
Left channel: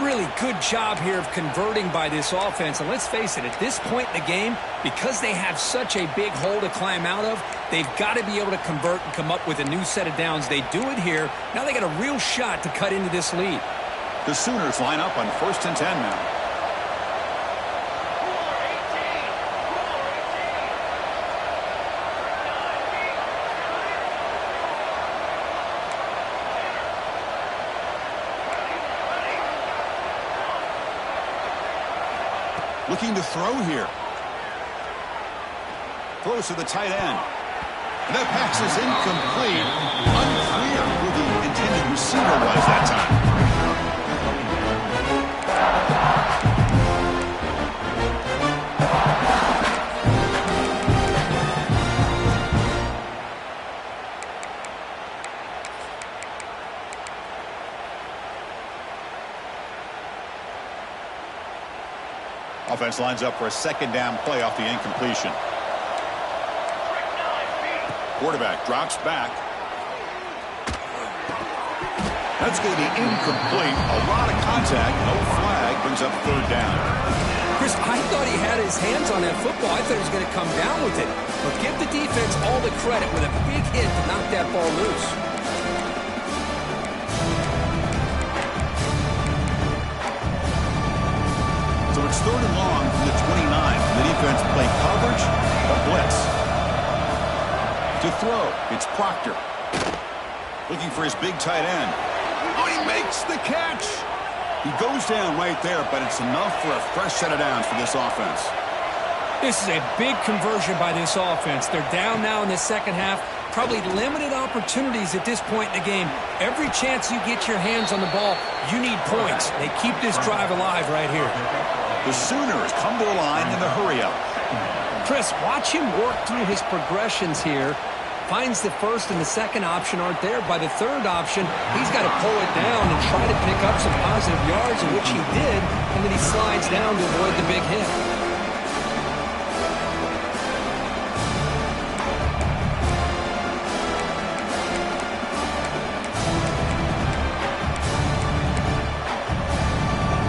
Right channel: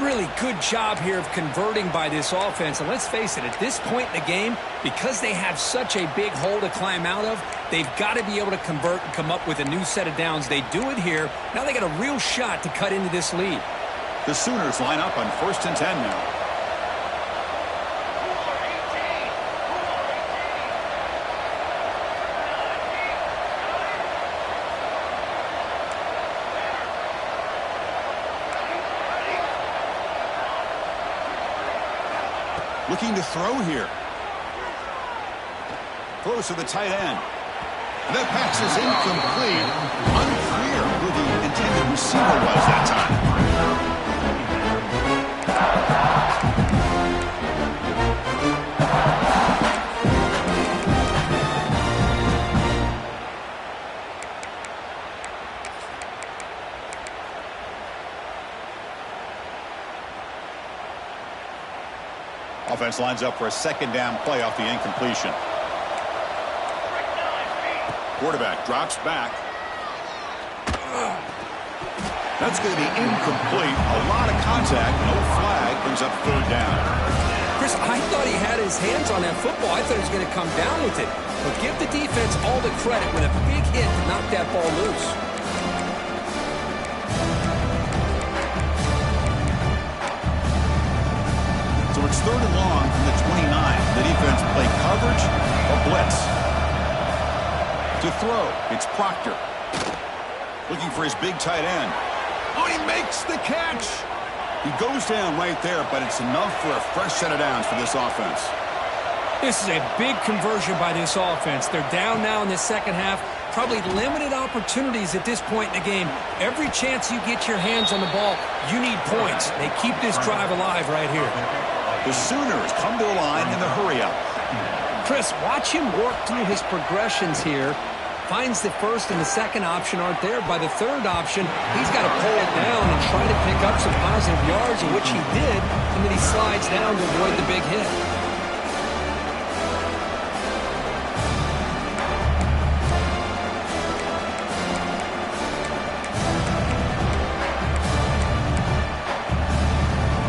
Really good job here of converting by this offense. And let's face it, at this point in the game, because they have such a big hole to climb out of, they've got to be able to convert and come up with a new set of downs. They do it here. Now they got a real shot to cut into this lead. The Sooners line up on 1st and 10 now. Looking to throw here. Throws to the tight end. And that pass is incomplete. Unclear who the intended receiver was that time. Offense lines up for a 2nd down play off the incompletion. Quarterback drops back. That's going to be incomplete. A lot of contact. No flag. Brings up 3rd down. Chris, I thought he had his hands on that football. I thought he was going to come down with it. But give the defense all the credit with a big hit to knock that ball loose. So it's 3rd and long from the 29. The defense play coverage or blitz. To throw, it's Proctor. Looking for his big tight end. Oh, he makes the catch. He goes down right there, but it's enough for a fresh set of downs for this offense. This is a big conversion by this offense. They're down now in the 2nd half. Probably limited opportunities at this point in the game. Every chance you get your hands on the ball, you need points. They keep this drive alive right here. The Sooners come to the line in the hurry-up. Chris, watch him work through his progressions here. Finds the 1st and the 2nd option aren't there. By the 3rd option, he's got to pull it down and try to pick up some positive yards, in which he did, and then he slides down to avoid the big hit.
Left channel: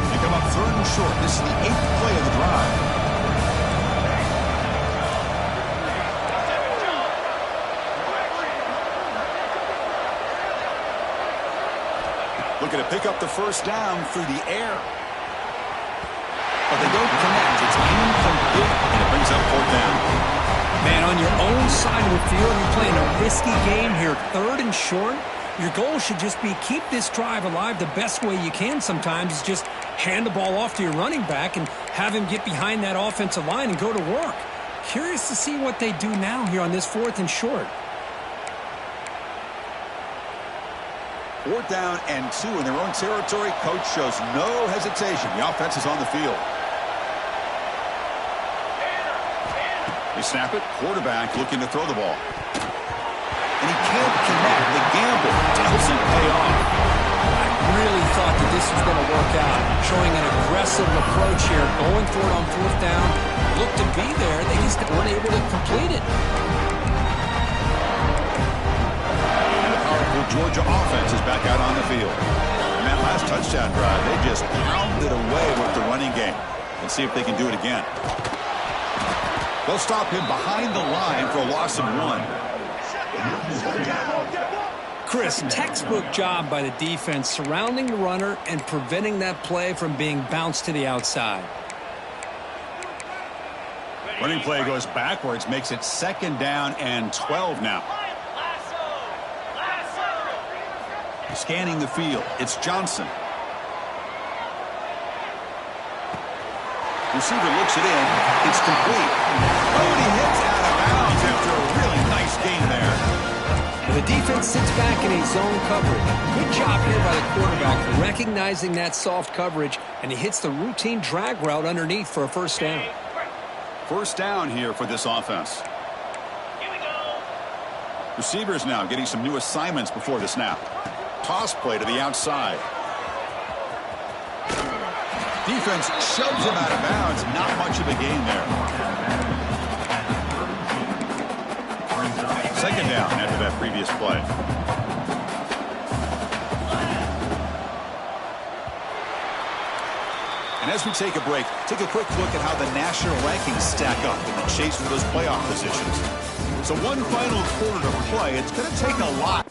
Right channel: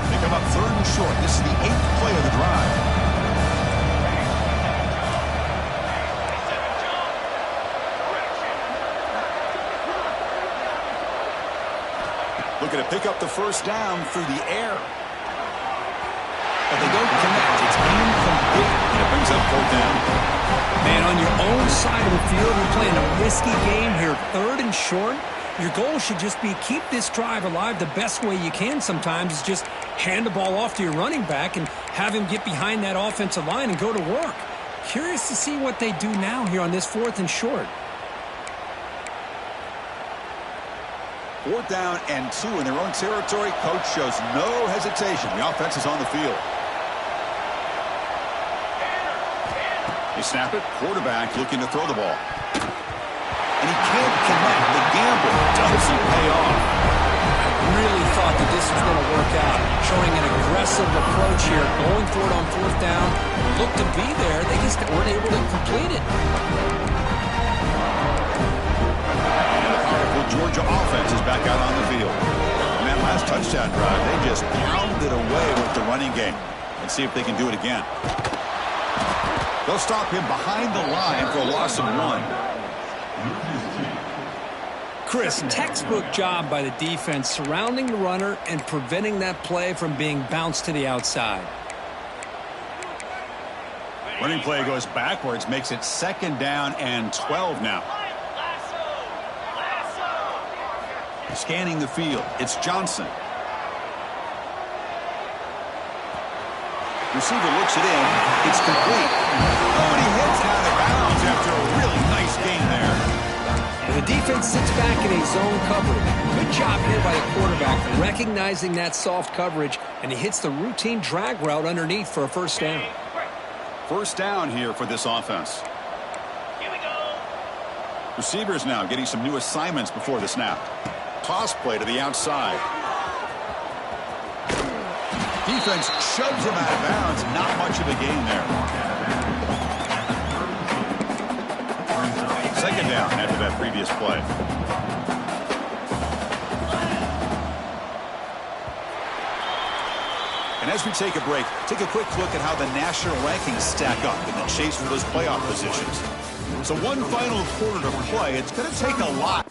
They come up 3rd and short. This is the 8th play of the drive. Looking to pick up the 1st down through the air. But they don't connect. It's incomplete, and it brings up 4th down. Man, on your own side of the field, you're playing a risky game here. 3rd and short. Your goal should just be keep this drive alive the best way you can sometimes is just hand the ball off to your running back and have him get behind that offensive line and go to work. Curious to see what they do now here on this 4th and short. 4th down and 2 in their own territory. Coach shows no hesitation. The offense is on the field. They snap it. Quarterback looking to throw the ball. And he can't connect. The gamble doesn't pay off. I really thought that this was going to work out. Showing an aggressive approach here. Going for it on 4th down. Looked to be there. They just weren't able to complete it. Georgia offense is back out on the field. And that last touchdown drive, they just pounded away with the running game. Let's see if they can do it again. They'll stop him behind the line for a loss of 1. Chris, textbook job by the defense surrounding the runner and preventing that play from being bounced to the outside. Running play goes backwards, makes it 2nd down and 12 now. Scanning the field, it's Johnson. Receiver looks it in. It's complete. Oh, and he hits out of bounds after a really nice gain there. And the defense sits back in a zone coverage. Good job here by the quarterback recognizing that soft coverage, and he hits the routine drag route underneath for a first down. First down here for this offense. Here we go. Receivers now getting some new assignments before the snap. Toss play to the outside. Defense shoves him out of bounds. Not much of a gain there. Second down after that previous play. And as we take a break, take a quick look at how the national rankings stack up in the chase for those playoff positions. So one final quarter to play. It's going to take a lot.